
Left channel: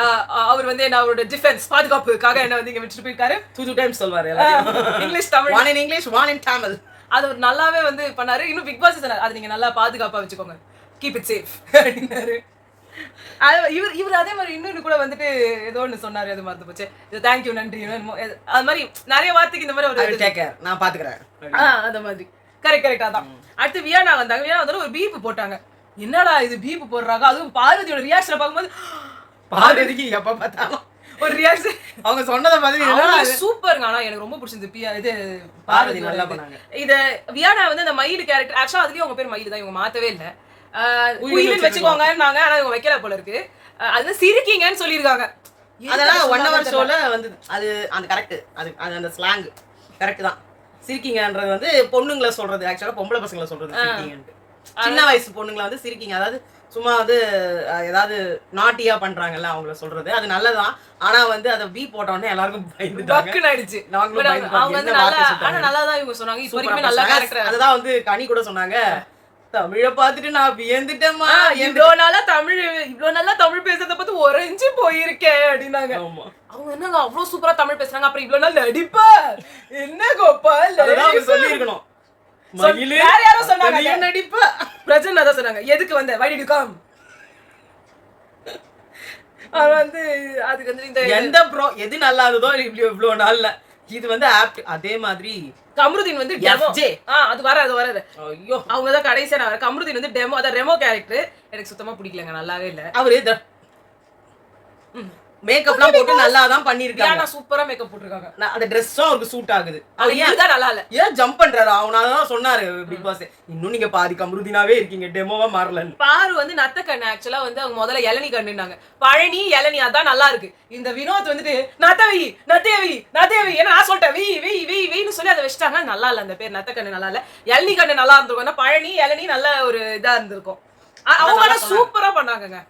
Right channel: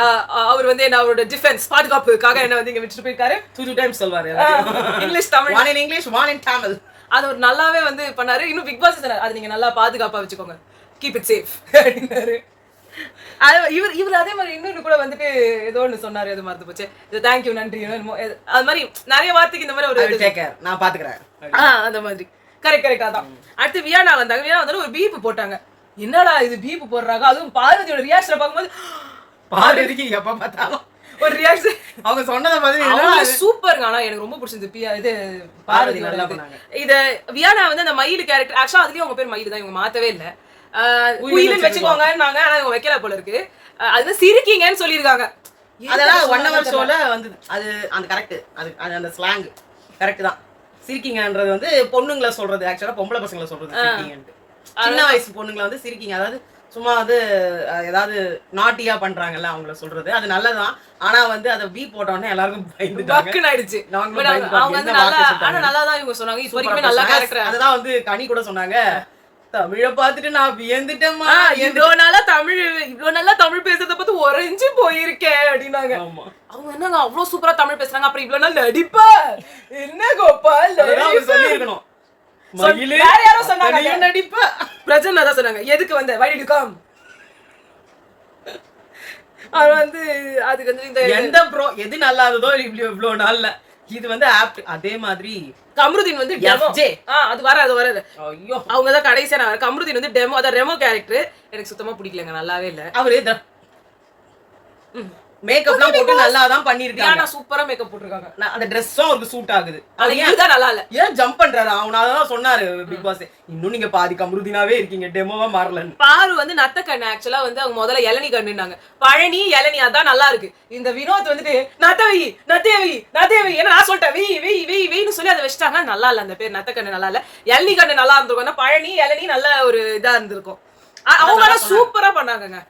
அவர் வந்து என்ன அவரோட டிஃபென்ஸ் பாதுகாப்புக்காக என்ன வந்து இங்க விட்டுட்டு போயிருக்காரு. 2 டைம்ஸ் சொல்வாரு. English Tamil. one in English one in Tamil. அது ஒரு நல்லாவே வந்து பண்ணாரு. இன்னும் பிக் பாஸ் சொன்னாரு அது நீங்க நல்லா பாதுகாப்பா வச்சுக்கோங்க. கீப் இட் சேஃப் அப்படினாரு. இவர் அதே மாதிரி இன்னொரு கூட வந்துட்டு ஏதோ ஒன்று சொன்னாரு. அது மறந்து போச்சு. தேங்க்யூ நன்றி அது மாதிரி நிறைய வார்த்தைக்கு இந்த மாதிரி ஒரு நான் பாத்துக்கிறேன். அந்த மாதிரி கரெக்டா தான். அடுத்து வியானா வந்தாங்க. வியானா வந்தாலும் ஒரு பீப்பு போட்டாங்க. என்னடா இது பீப்பு போடுறாங்க. அதுவும் பார்வதியோட ரியாக்ஷனை பார்க்கும்போது பார்வதிக்கு எப்ப பார்த்தாலும் ஒரு ரியாக்ஷன் அவங்க சொன்னத மாதிரி சூப்பருங்க. ஆனா எனக்கு ரொம்ப பிடிச்சிருந்தது இது பார்வதியோட இது. வியானா வந்து அந்த மயில் கேரக்டர் ஆக்சுவலா அதுலயும் அவங்க பேர் மயில் தான். இவங்க மாத்தவே இல்லை. குயிலுன்னு வச்சுக்கோங்கன்னாங்க. ஆனா இவங்க வைக்கல போல இருக்கு. அது சிரிக்கீங்கன்னு சொல்லியிருக்காங்க. அதெல்லாம் 1 hour ஷோல வந்து அது அந்த கரெக்ட். அது அந்த ஸ்லாங் கரெக்ட் தான். சிரிக்கீங்கன்றது வந்து பொண்ணுங்களை சொல்றது. ஆக்சுவலா பொம்பளை பசங்களை சொல்றது சிரிக்கீங்கன்ட்டு. சின்ன வயசு பொண்ணுங்களை வந்து சிரிக்கீங்க. அதாவது சும்மா வந்து ஏதாவது நாட்டியா பண்றாங்கல்ல அவங்கள சொல்றது. அது நல்லதான். ஆனா வந்து அதை பீ போட்ட உடனே எல்லாருக்கும் பயந்துட்டாங்க. ஆயிடுச்சு. அவங்க வந்து நல்லா தான் இவங்க சொன்னாங்க. இது வரைக்கும் நல்ல கேரக்டர். அதுதான் வந்து கனி கூட சொன்னாங்க. தமிழ பாத்துட்டு நான் வியந்துட்டேமா. இவ்வளவு நல்லா தமிழ் பேசுறத பத்தி உறைஞ்சு போயிருக்கேன் அப்படின்னாங்க. அவங்க என்னங்க அவ்வளவு சூப்பரா தமிழ் பேசுறாங்க. அப்புறம் இவ்வளவு நாள் நடிப்பா என்ன கோபால் சொல்லிருக்கணும். வேற யாரோ சொன்னாங்க நடிப்பா. பிரஜன் தான் சொன்னாங்க. எதுக்கு வந்த why did you come? அது வந்து அதுக்கு வந்து இந்த எந்த ப்ரோ எது நல்லா இருந்ததோ இவ்வளவு நாள்ல இது வந்து ஆப்ட். அதே மாதிரி கம்ருதீன் வந்து டெமோ. அது வராது. ஐயோ அவங்க தான் கடைசியா கம்ருதீன் வந்து டெமோ. அதான் ரெமோ கேரக்டர் எனக்கு சுத்தமா பிடிக்கலங்க. நல்லாவே இல்ல. அவரு மேக்கப்லாம் போட்டு நல்லா தான் பண்ணிருக்காங்க. நான் சூப்பரா மேக்கப் போட்டுருக்காங்க. அந்த Dress-உம் அவருக்கு சூட் ஆகுது. அது இதுதான் நல்லா இல்ல. ஏன் ஜம்ப் பண்றாரு? அவனால தான் சொன்னாரு பிக் பாஸ். இன்னும் நீங்க பாதி கம்ருதீனாவே இருக்கீங்க. டெமோவா மாறலன்னு. பாரு வந்து நத்த கண்ணு. ஆக்சுவலா வந்து அவங்க முதல்ல இளநி கண்ணுனாங்க. பழனி இளநி அதான் நல்லா இருக்கு. இந்த வினோத் வந்துட்டு நத்தேவி ஏன்னா நான் சொல்லிட்டேன் வெய்னு சொல்லி அதை வச்சுட்டாங்க. நல்லா இல்ல அந்த பேர். நத்த கண்ணு நல்லா இல்ல. இளநி கண்ணு நல்லா இருந்திருக்கும். பழனி இளநி நல்ல ஒரு இதா இருந்திருக்கும். அவங்க சூப்பரா பண்ணாங்கங்க.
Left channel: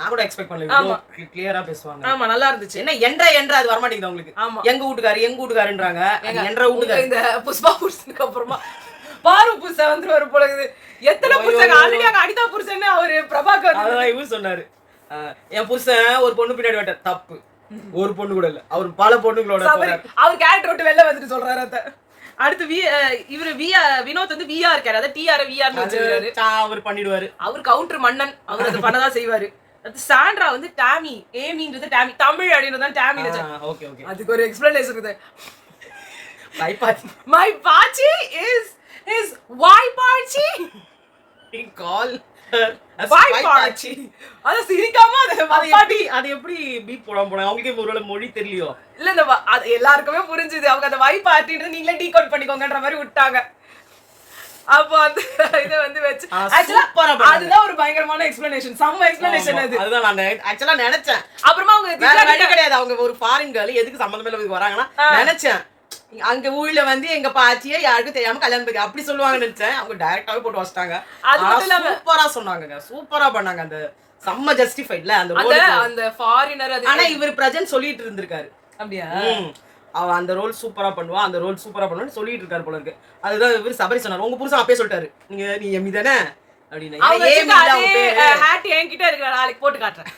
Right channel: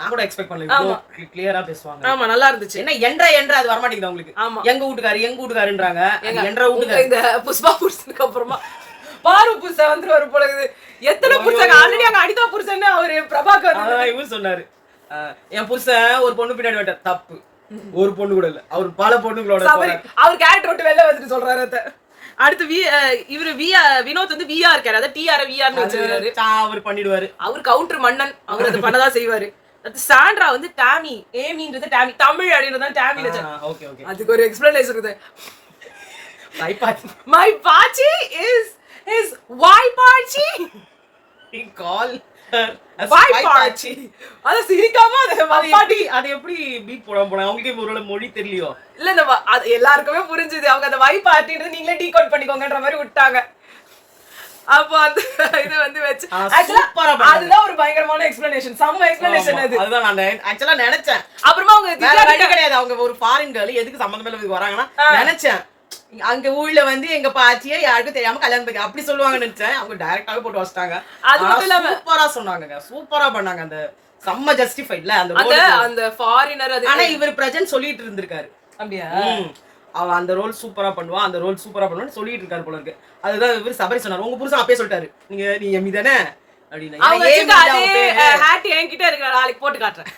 நான் கூட எக்ஸ்பெக்ட் பண்ணல. கிளியரா பேசுவாங்க. ஆமா நல்லா இருந்துச்சு. என்ன என்ற அது வர மாட்டேங்குது உங்களுக்கு. எங்க வீட்டுக்காரன்றாங்க. என்ற வீட்டுக்கார இந்த புஷ்பா புருஷனுக்கு அப்புறமா பாரு புருஷன் வந்துருவாரு போல இருக்குது. எத்தனை புருஷன் ஆல்ரெடி அங்க அனிதா புருஷன் அவரு பிரபாகர் இவரு சொன்னாரு. என் புருஷன் ஒரு பொண்ணு பின்னாடி வந்த தப்பு. ஒரு பொண்ணு கூட இல்ல. அவர் பல பொண்ணுங்களோட அவர் கேரக்டர் விட்டு வெளில வந்துட்டு சொல்றாரு. அத அடுத்து இவரு வினோத் வந்து விஆர் இருக்காரு. அத டிஆர் விஆர்னு வச்சிருக்காரு. அவர் பண்ணிடுவாரு. அவர் கவுண்டர் மன்னன். அவர் அதை பண்ணதான் செய்வாரு. சாண்ட்ரா வந்து டாமி. ஏமின்றது டாமி. தமிழ் அப்படின்றது டாமி. அதுக்கு ஒரு எக்ஸ்பிளனேஷன் இருக்குது. My Pachi is why Pachi? He call why Pachi? அத சிரிக்காம அது எப்படி பீட் போறாங்க. அவங்களுக்கு ஒருவேளை மொழி தெரியலையோ இல்ல. இந்த எல்லாருக்குமே புரிஞ்சுது. அவங்க அந்த வை பார்ட்டின்றது நீங்களே டீகோட் பண்ணிக்கோங்கன்ற மாதிரி விட்டாங்க. அப்போ அந்த இத வந்து வெச்சு அதுதான் ஒரு பயங்கரமான எக்ஸ்பிளனேஷன். சம்ம எக்ஸ்பிளனேஷன் அது. அதுதான் நான் ஆக்சுவலா நினைச்சேன். அப்புறமா அவங்க கிடையாது. அவங்க ஒரு ஃபாரின் கேர்ள் எதுக்கு சம்பந்தமே இல்லாம வராங்கன்னா நினைச்சேன். அங்க ஊர்ல வந்து எங்க பாச்சியே யாருக்கும் தெரியாம கல்யாணம் பண்ணி அப்படி சொல்லுவாங்கன்னு நினைச்சேன். அவங்க டைரக்டாவே போட்டு வச்சிட்டாங்க. அது மட்டும் இல்லாம சூப்பரா சொன்னாங்க. சூப்பரா பண்ணாங்க. அந்த செம்ம ஜஸ்டிஃபைட்ல அந்த ஃபாரினர். ஆனா இவர் பிரஜன் சொல்லிட்டு இருந்திருக்காரு. அப்படியா? அவ அந்த ரோல் சூப்பரா பண்ணுவா. அந்த ரோல் சூப்பரா பண்ணுவான்னு சொல்லிட்டு இருக்காரு போல இருக்கு. அதுதான் இவர் சபரி சொன்னாரு. உங்க புருஷன் அப்பயே சொல்லிட்டாரு நீ எம்மி தானே அப்படின்னு. என்கிட்ட இருக்கிற நாளைக்கு போட்டு காட்டுறேன்.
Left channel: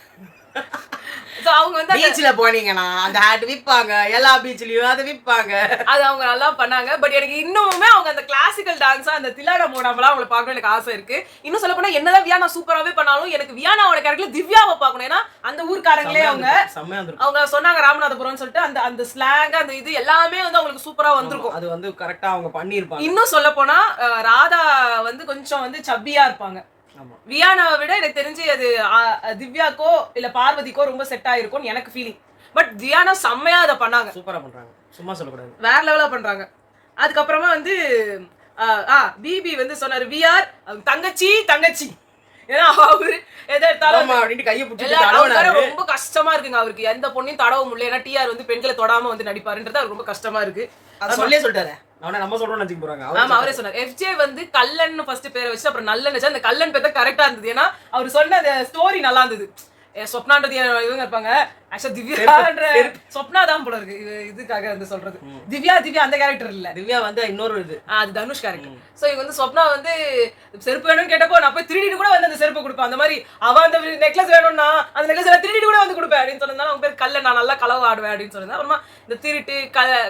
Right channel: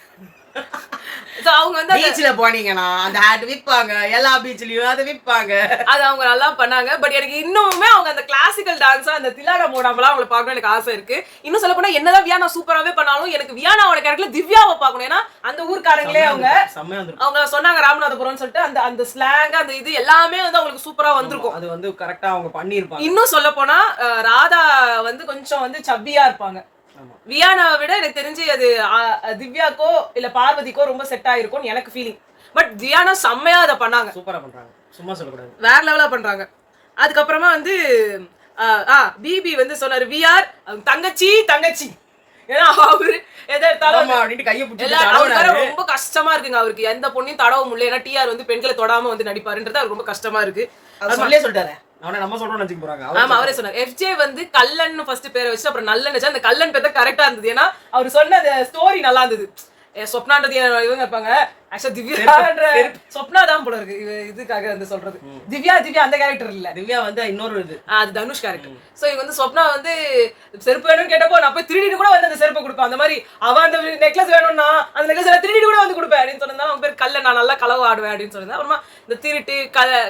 So அவங்க வந்து பீச்ல போனீங்கன்னா அந்த ஹேட் விற்பாங்க, எல்லா பீச்லயும் அதை விற்பாங்க. அது அவங்க நல்லா பண்ணாங்க. பட் எனக்கு இன்னுமே அவங்க அந்த கிளாசிக்கல் டான்ஸா அந்த திலாடா மோடாமலாம் அவங்கள பார்க்கணும் எனக்கு ஆசை இருக்கு. இன்னும் சொல்ல போனா என்னதான் வியானா சூப்பராவே பண்ணாலும் எனக்கு வியானாவோட கேரக்டர்ல திவ்யாவை பார்க்கணும். ஏன்னா அந்த ஊர்க்காரங்களே அவங்க சொன்னாங்க ராமநாதபுரம்னு சொல்லிட்டு அந்த அந்த ஸ்லாங் அந்த இது எல்லாமே வந்து அவங்களுக்கு சூப்பரா வந்திருக்கும். அது வந்து கரெக்டா அவங்க பண்ணிருப்பாங்க. இன்னும் சொல்ல போனா ராதா வந்து கொஞ்சம் வந்து சப்பியா இருப்பாங்க. வியானாவை விட எனக்கு தெரிஞ்சு அது திவ்யாக்கோ இல்ல பார்வதிக்கோ ரொம்ப செட் ஆயிருக்கும் எனக்கு ஃபீலிங். பட் வியானா செம்மையா அதை பண்ணாங்க, சூப்பரா பண்றாங்க, சும்மா சொல்லக்கூடாது, வேற லெவலா பண்றாங்க. அதுக்கப்புறமா வந்து பிபி வந்து சொன்னாரு விஆர் தங்கச்சி தங்கச்சி. ஏன்னா அவரு ரொம்ப கஷ்டமா இருக்குங்க அவருக்கு, எந்த பொண்ணையும் தடவ முடியல. ஏன்னா டிஆர் வந்து பெண்களை தொடாம வந்து நடிப்பாருன்றது அவருக்கு ரொம்ப கஷ்டமா இருக்கு. சொல்லிட்டாரு, நம்ம சொல்றோம் நினைச்சு போறாங்க. ஆமா அவரே சொன்னார். எஃப்ஜே வந்து கல்லன் ஃபர்ஸ்ட் பேரை வச்சு அப்புறம் நல்லன் வச்சு அந்த கல்லன் பேர் கரெக்டா இருந்தது. ஏன்னா அவர் சொன்ன அந்த ஸ்டோரி நல்லா இருந்தது. சொப்னான்றது இவங்க இருப்பாங்க, ஆக்சுவலா திவ்யான்ற சொப்னா தான் போல இருக்கு இதுக்காக வந்து சொல்றது. திவ்யா அந்த கேரக்டர் இல்ல, திவ்யா வந்து இன்னொரு இது, அது தனுஷ் கேரக்டர். சோ இவங்க வந்து சொப்னா வந்து செருப்பு வேணும்னு கேட்டப்போ நான் போய் திருடிட்டு கூட வந்து அந்த செருப்பு கொடுப்பேன். அந்த மாதிரி அவன் அந்த நெக்லஸ் வேணும்னா அந்த நெக்லஸ் திருடிட்டு கூட வந்து கொடுப்பேன் அப்படின்னு சொன்னதால அவங்க பேர் கல்ல, நான் நல்லா களவு ஆடுவேன் அப்படின்னு சொன்னது. அப்புறமா இந்த திருட்டு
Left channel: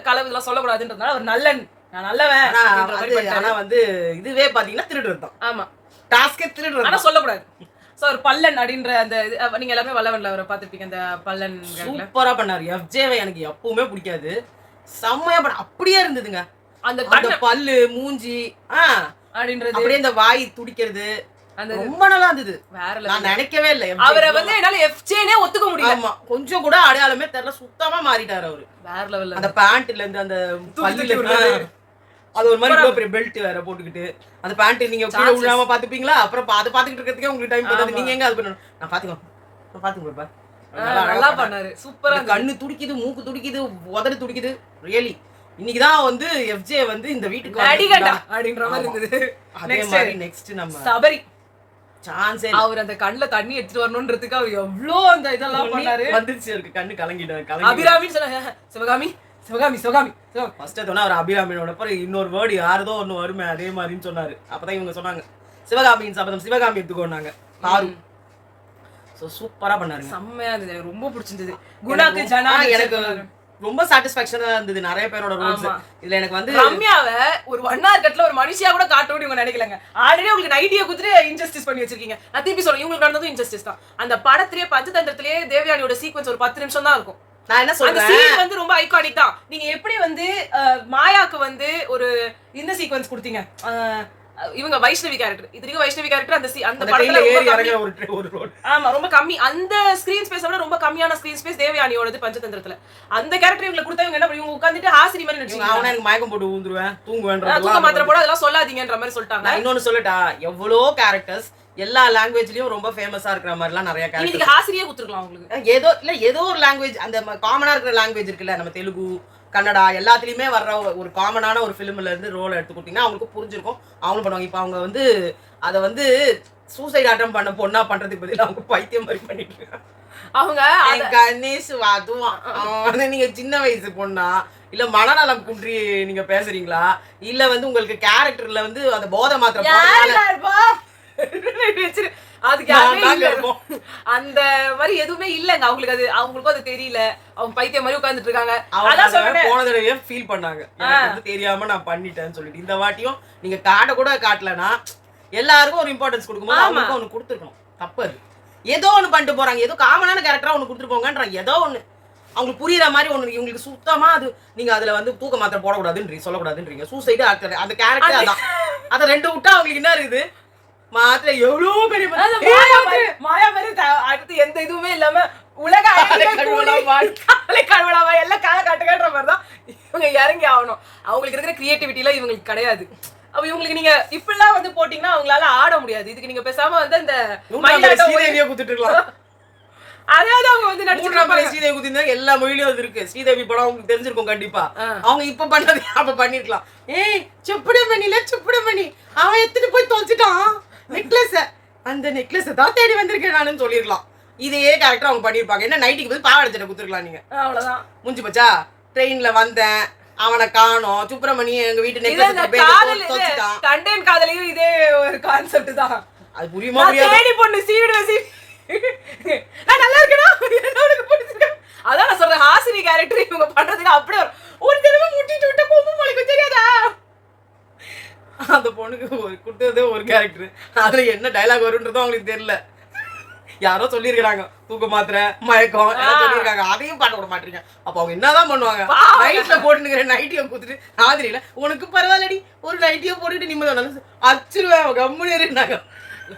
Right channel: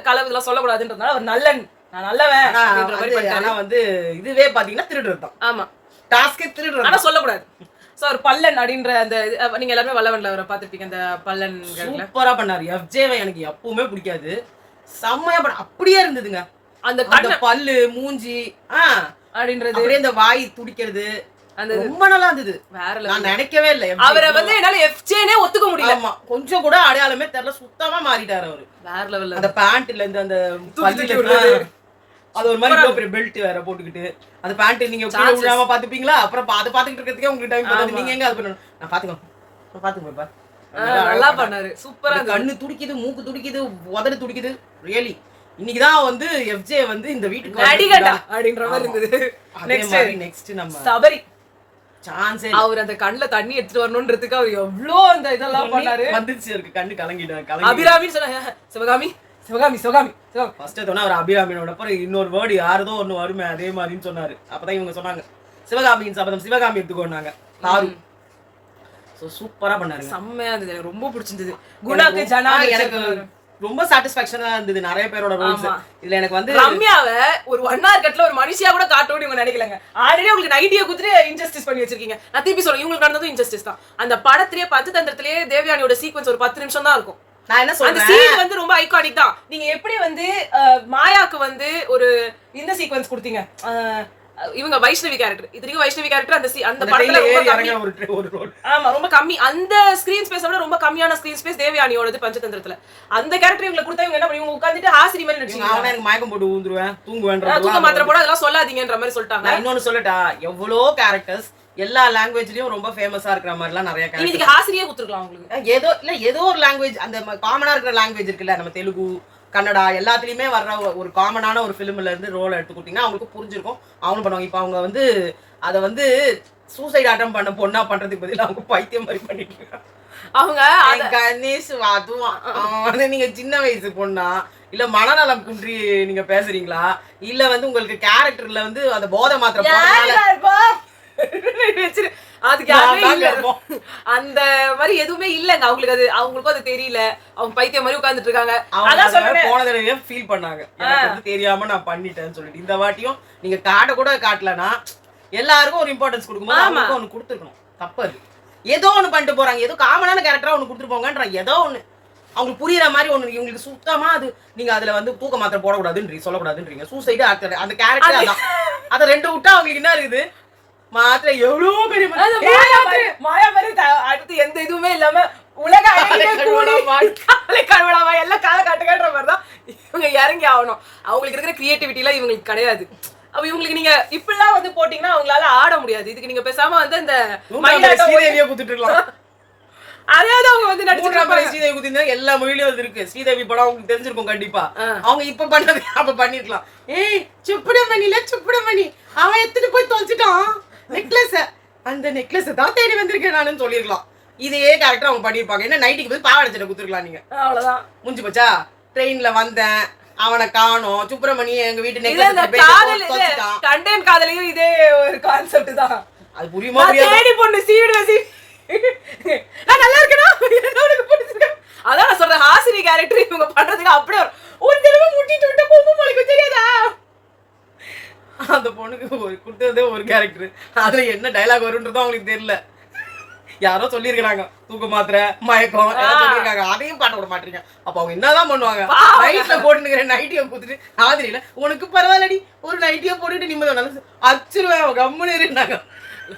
களவு இதெல்லாம் சொல்லக்கூடாதுன்றதுனால அவர் நல்லன், நான் நல்லவன். ஆனா வந்து இதுவே பாத்தீங்கன்னா திருடுறது தான். ஆமா, டாஸ்கே திருடுறது, ஆனா சொல்லக்கூடாது. சோ ஒரு பல்லன் அப்படின்ற அந்த நீங்க எல்லாரும் வல்லவன்ல அவரை பாத்துருப்பீங்க. அந்த பல்லன் சூப்பரா பண்ணாரு. எஃப்ஜேவை எனக்கு எப்பவுமே பிடிக்காது, செம்மையா பண்ண அப்படியே இருந்ததுங்க. அந்த பல்லு மூஞ்சி அப்படின்றது, அப்படியே இந்த வாய் துடிக்கிறது அந்த ரொம்ப நல்லா இருந்தது. வேற நான் நினைக்கவே இல்லை அவரை வந்து என்னால எஃப்ஜேனே ஒத்துக்க முடியல. ஆமா, கொஞ்சம் கூட அடையாளமே தெரியல, சுத்தமா மாறிட்டாரு அவரு. வேற லெவல்ல அந்த பேண்ட்ல இருந்து அந்த பல்லுல அது ஒரு மாதிரி இவ்வளவு பெரிய பெல்ட் வேற போட்டுக்கிட்டு அந்த பேண்ட் நீங்க கீழ விழாம பாத்துப்பீங்களா? அப்புறம் அதை பாத்துக்கிட்டு இருக்கிறதுக்கே உங்களுக்கு டைம் போதாது. நீங்க எங்க அது பண்ணணும்? நான் பாத்துக்கோ நல்லா பண்ணாரு, சூப்பரா. கண்ணு துடிக்குது, மூக்கு துடிக்குது, உதடு துடிக்குது. ரியலி இன்னைக்குதான் வந்து எஃப்ஜே வந்து இந்த வீட்டுக்கு அடிகடா அப்படின்ற மாதிரி இருந்தது. நெக்ஸ்ட் நம்ம சபரி சான்ஸே, அவர் அந்த கண்ணுல தண்ணி எடுத்துட்டு வரணும்ன்றதுக்கு அவர் எவ்வளவு அந்த இதெல்லாம் பண்ணாரு. வந்துருச்சு இருக்கு, கண்ணு கலங்கிட்டாரு. அபிராமின்னு சொன்னாங்க, சிவகாமி சிவகாமி சிவகாமி ஃபர்ஸ்ட் சொன்னா அவர் அபிராமியோட அப்புறம் இன்னொரு வேர்டு யாரதோ ஒண்ணு வருமே அதே மாதிரின்னு சொன்னாரு. அப்பதான் இவங்க சொன்னாங்க சிவகாமியின் சபதம், சிவகாமி எடுத்துக்கோனாங்க தாரு. சோ சூப்பரா பண்ணாரு, செம்மையா இருந்தது, எனக்கு ரொம்ப பிடிச்சிருந்தது. குணாக்கு ஜனா எனக்கு ரொம்ப சாட்டிஸ்ஃபேக்ஷனா இருந்தது. நிறைய பேரோட ரோல்ஸ் இதுல எனக்கு வந்து ரம்யாவை ஒரு 1 hour கட்ல ஒரு மனுஷியா கூட காட்டணும்னு இவங்க நினைக்கலங்க. ஆல்ரெடி உங்களுக்கு நைட்டியை குத்துட்டு இன்ஜஸ்டிஸ் பண்ணி வச்சிருக்கீங்க. நான் திருப்பி சொல்றேன், இவங்களுக்கு நடந்ததும் இன்ஜஸ்டிஸ் தான். அந்த படத்திலேயே பஞ்சதந்திரத்திலேயே தேவயானியோட சீக்வன்ஸ் ஒரு 10 நிமிஷம் தான் இருக்கும். நான் என்ன சொல்றேன், அந்த சீன் வந்து ரொம்ப ஐகானிக் தான். நீங்க எப்படி வந்து மாயாக்கு வந்து ஒரு இந்த சீக்வன்ஸ் கொடுத்தீங்க, இவங்க வைஷ்ணவி கேரக்டர், இதுக்கு வைஷ்ணவி கேரக்டர் அந்த படத்துல ரொம்ப கம்மி. ஆமா, ரொம்ப கம்மி. அந்த ஸ்கிரீன் ஸ்பேஸ் விட ரொம்ப கம்மியான ஸ்கிரீன் ஸ்பேஸ் தேவயானியோடது பஞ்சதந்திரத்துல. அந்த கேரக்டர் இவங்களுக்கு கொடுத்தா இவங்க என்ன பண்ணுவாங்க, உட்கார்ந்துட்டு ஹாசிரி மாதிரி நடிச்சிருக்காங்க. அவனே எனக்கு மயக்கம் போட்டு ஊந்துருவேன், தூங்குவேன், தூங்க மாத்திரை போட அதெல்லாம் சொல்லாதீங்கன்ற மாதிரி சொல்லிட்டாங்க. இன்னொன்னு சொல்லட்டா, எவ்வளோ கேரக்டர்ஸ் எல்லா லாங்குவேஜ்லயும் ரொம்ப ஃபேமஸா இருக்கிற மாதிரி எல்லாம் நிறைய கேரக்டர். இதுக்கு ஹாசிரியே கொடுத்துருக்கலாம் உங்களுக்கு. ஏதோ ஒரு லாங்குவேஜ் அந்த காமனா இருக்கிற லாங்குவேஜ் இருக்குல்ல, நம்ம தெலுங்கு கன்னடா எல்லாத்துலயுமே வர்ற ஒரு காமனான ஒரு ஃபிலிம்ல இருந்து ரோல் எடுத்து கொடுத்தீங்கன்னா அவங்களுக்கு புரிஞ்சிருக்கும், அவங்களும் பண்ணுவாங்க. இப்போ அவங்க வந்து அதை வந்து சூசைட் அட்டம் பண்ண பொண்ணா பண்றதுக்கு பதில் அவங்க பைத்தியம் மாதிரி பண்ணிட்டு இருக்காங்க. அவங்க கணேஷ் அதுவும் நீங்க சின்ன வயசு பொண்ணா இல்ல மனநலம் குன்றி நீங்க பேசுறீங்களா, இல்ல வந்து உங்களுக்கு கேரக்டர்ல வந்து அந்த போதை மாத்திரம் அதுக்கு அந்த மாதிரி எதுவுமே இல்லங்க அவங்களுக்கு. அது அவங்களுக்கும் அது தெரியல, அவங்க பைத்தியம் மாதிரி உட்கார்ந்துட்டு இருக்காங்க. அதான் சொல்றேன், போன தடவை ஃபீல் பண்ணாங்க எனக்கு தெரியாம நான் பண்ணிட்டேன்னு சொல்லிட்டு. இந்த வாட்டியும் நீங்க காட்ட கூட காட்டலனா எல்லாருக்கும் ஒரு இம்பார்ட்டன்ஸ் கொடுக்கும்போது அவங்களுக்கு ஒண்ணு கொடுத்துருக்கணும். தப்பு அது. ஏதோ ஒண்ணு பண்ணிட்டு போறாங்க, ஏதோ காமனான கேரக்டரா ஒண்ணு கொடுத்துட்டு போங்கன்றாங்க. ஏதோ ஒண்ணு அவங்களுக்கு புரியுற மாதிரி ஒண்ணு. இவங்களுக்கு சுத்தமா அது நீங்க அதுல வந்து தூக்க மாத்திரை போடக்கூடாதுன்றீங்க, சொல்லக்கூடாதுன்றீங்க. சூசைடு அந்த கேரக்டர் அதான். அதை 2 விட்டா அவங்களுக்கு என்ன இருக்குது மாத்திரை எவ்வளவு பெரிய மாயா மாதிரி அடுத்து எந்த இதுவுமே இல்லாம உலக கழுவலாமா எல்லாம் கால காட்டுகன்ற மாதிரிதான் இவங்க இறங்கி ஆகணும். அவங்களுக்கு இருக்கிற கிரியேட்டிவிட்டி எல்லாம் இவங்களுக்கு கிடையாது. அப்ப இவங்களுக்கு நீங்க இப்படிலாம் வந்து போட்டீங்கன்னா அவங்களால ஆட முடியாது. இதுக்கு நீங்க பேசாம வந்து இந்த மயிலாட்டம் குத்துட்டு இருக்கலாம். அதாவது அவங்க வந்து நடிச்சிருக்காங்க. ஸ்ரீதேவி குத்தினா எல்லா மொழியிலும் இருக்கு. ஸ்ரீதேவி படம் உங்களுக்கு தெரிஞ்சிருக்கும் கண்டிப்பா. அவங்க இப்ப பண்ணது அப்ப பண்ணிருக்கலாம். ஏய் சுப்பிடமணி அவன் எடுத்துட்டு போய் தொலைச்சிட்டான் நெக்லஸ், அந்த நெக்லஸ் தான் தேடி வந்திருக்கேன் நானுன்னு சொல்லிருக்கலாம். இதே கேரக்டர் அவங்க பண்ணிருப்பாங்க. என்ன நைட்டுக்கு போய் பாவாடை சட்டை குத்துருக்கலாம் நீங்க, அவ்வளவுதான் முடிஞ்சு போச்சா. ட்ரெயின்ல வந்தேன், அவனை காணோம், சுப்பிரமணி எங்க வீட்டு கண்டென்ட் காதலையும் இதே ஒரு கான்செப்ட் தான். அது புரியுமா? தேடி பொண்ணு சீவிடுவேன் நான் நல்லா இருக்கேனா என்ன உனக்கு பிடிச்சிருக்கு அதான் நான் சொல்றேன் ஹாசினி கேரக்டர் இவங்க பண்றதுக்கு அப்படியே ஒரு தடவை முட்டிட்டு விட்ட கொம்பு மொழிக்கு தெரியாதா அந்த பொண்ணுக்கு கொடுத்ததே ஒரு கேரக்டர், அதுல என்ன டைலாக் வரும்ன்றதும் அவங்களுக்கு தெரியல. யாரோ சொல்லியிருக்காங்க தூக்க மாத்திரை மயக்கம் சொல்லியிருக்காங்க, அதையும் பாட்ட விட மாட்டீங்க. அப்ப அவங்க என்னதான் பண்ணுவாங்க? நைட்ல போட்டுக்கிற நைட்டியை கொடுத்துட்டு ஆதிரியில உனக்கு பரவாயில்லடி ஒரு நைட்டியை போட்டுட்டு நிம்மதி அச்சுருவேன் கம்முன்னு இருந்தாங்க.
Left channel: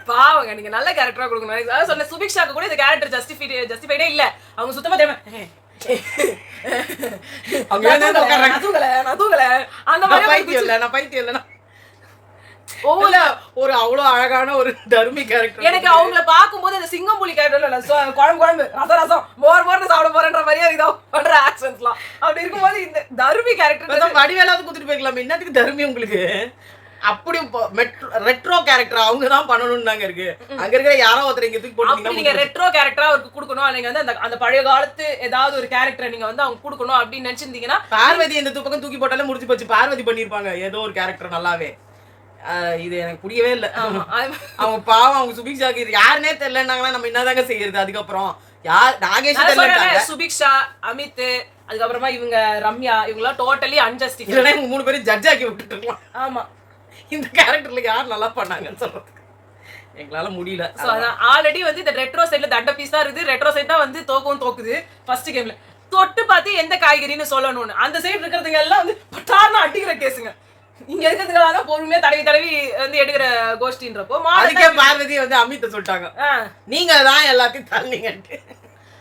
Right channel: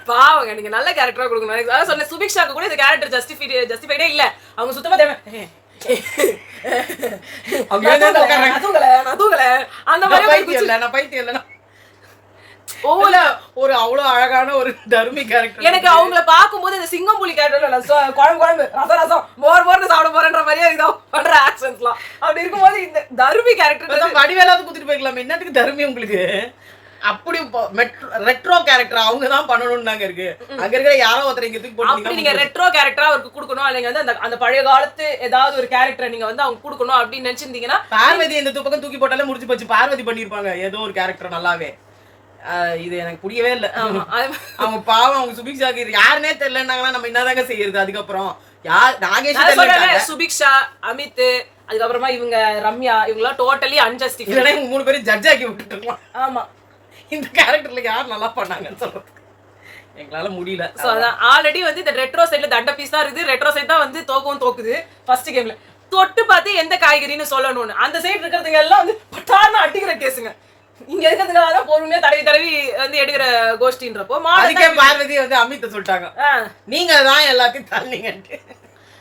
பாவங்க நீங்க நல்ல கேரக்டரா கொடுக்கணும். அதான் சொன்ன சுபிக்ஷாக்கு கூட இந்த கேரக்டர் ஜஸ்டிஃபைடே இல்ல. அவங்க சுத்தமா தெரியும் அந்த மாதிரி பைத்தியம் இல்ல, நான் பைத்தியம் இல்ல. ஒரு அவ்வளவு அழகான ஒரு தர்மி கேரக்டர். எனக்கு அவங்கள பாக்கும்போது இந்த சிங்கம் புலி கேரக்டர் குழம்பு ரசம் மோர் சாப்பிட போறன்ற மாதிரியே இதான் பண்ற ஆக்சன்ஸ்லாம். அப்படி இருக்கும்போது இந்த தர்மி கேரக்டர் வடிவேலாவது குடுத்துட்டு போய்க்கலாம். என்னத்துக்கு தர்மி உங்களுக்கு? அப்படி ரெட்ரோ கேரக்டர் அவங்க தான் பண்ணணும்னாங்க இருக்கு. அங்க இருக்கிற யாரோ ஒருத்தர் இங்க தூக்கி போட்டு நீங்க ரெட்ரோ கேரக்டரா அவருக்கு கொடுக்கணும். நீங்க வந்து அந்த பழைய காலத்து ஏதாவது ஒரு கேரக்டரை நீங்க வந்து அவங்க கொடுக்கணும் அப்படின்னு நினைச்சிருந்தீங்கன்னா பார்வதி இந்த பக்கம் தூக்கி போட்டாலே முடிச்சு போச்சு. பார்வதி பண்ணிருப்பாங்க ஏதோ ஒரு கேரக்டர் நல்லாவே. இது எனக்கு புரியவே இல்லை. அவங்க பாவம் அவங்க சுபிக்ஷாக்கு யாருன்னே தெரியலன்னாங்கன்னா நம்ம என்னதாங்க செய்யறது? அதுக்கப்புறம் யார் நாகேஷ் சுபிக்ஷா அமித் அதுக்கப்புறமா இவங்க ரம்யா இவங்கெல்லாம் டோட்டலி அன்ஜஸ்டிஃபைட். இவங்க 3 பேரும் ஜட்ஜ் ஆக்கி விட்டுட்டு இருக்கலாம். ஆமா இந்த கேரக்டர்ல யார் நல்லா பண்ணாங்கன்னு சொல்றது எங்களால முடியல. சோ அதான் ஆல்ரெடி வந்து இந்த ரெட்ரோ சைடுல தண்ட பீஸா இருக்குது. ரெட்ரோ சைடு தான் வந்து தோக்குது ஃபர்ஸ்ட் கேம்ல. தொட்டு பார்த்து எந்த காய்கறின்னு சொல்லணும்னு அந்த சைடு இருக்கிறதுங்க எல்லாம் வந்து பட்டார்னு அடிக்கிற கேஸுங்க. இங்க இருக்கிறதுனால பொறுமையா தடவி வந்து எடுக்கிற கோஷ்டின்றப்போ பார்வதி வந்து அமித்த சொல்லிட்டாங்க நீங்க தான் எல்லாத்தையும் தள்ளிங்கன்ட்டு.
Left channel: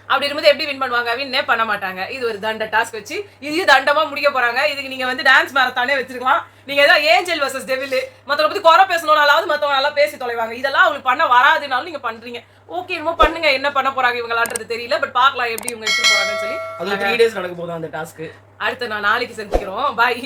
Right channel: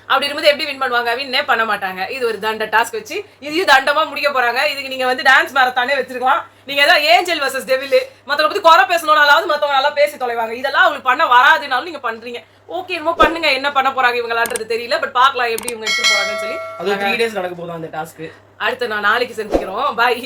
அப்படி இருக்கும்போது எப்படி வின் பண்ணுவாங்க? வின்னே பண்ண மாட்டாங்க. இது ஒரு தண்ட டாஸ்க் வச்சு இதையும் தண்டமா முடிக்க போறாங்க. இதுக்கு நீங்க வந்து டான்ஸ் மேரத்தானே வச்சிருக்கலாம். நீங்க ஏதாவது ஏஞ்சல் வர்சஸ் டெவில் மத்தவங்க பத்தி குறை பேசணும்னாலாவது மத்தவங்க நல்லா பேசி தொலைவாங்க. இதெல்லாம் அவங்களுக்கு பண்ண வராதுனாலும் நீங்க பண்றீங்க. ஓகே என்னமோ பண்ணுங்க, என்ன பண்ண போறாங்க இவங்களான்றது தெரியல. பட் பாக்கலாம் எப்படி இவங்க எடுத்து போறாங்கன்னு சொல்லி. அது 3 days நடக்க போதும் அந்த டாஸ்க். அடுத்து நான் நாளைக்கு செஞ்சுக்கிறோம். பாய்.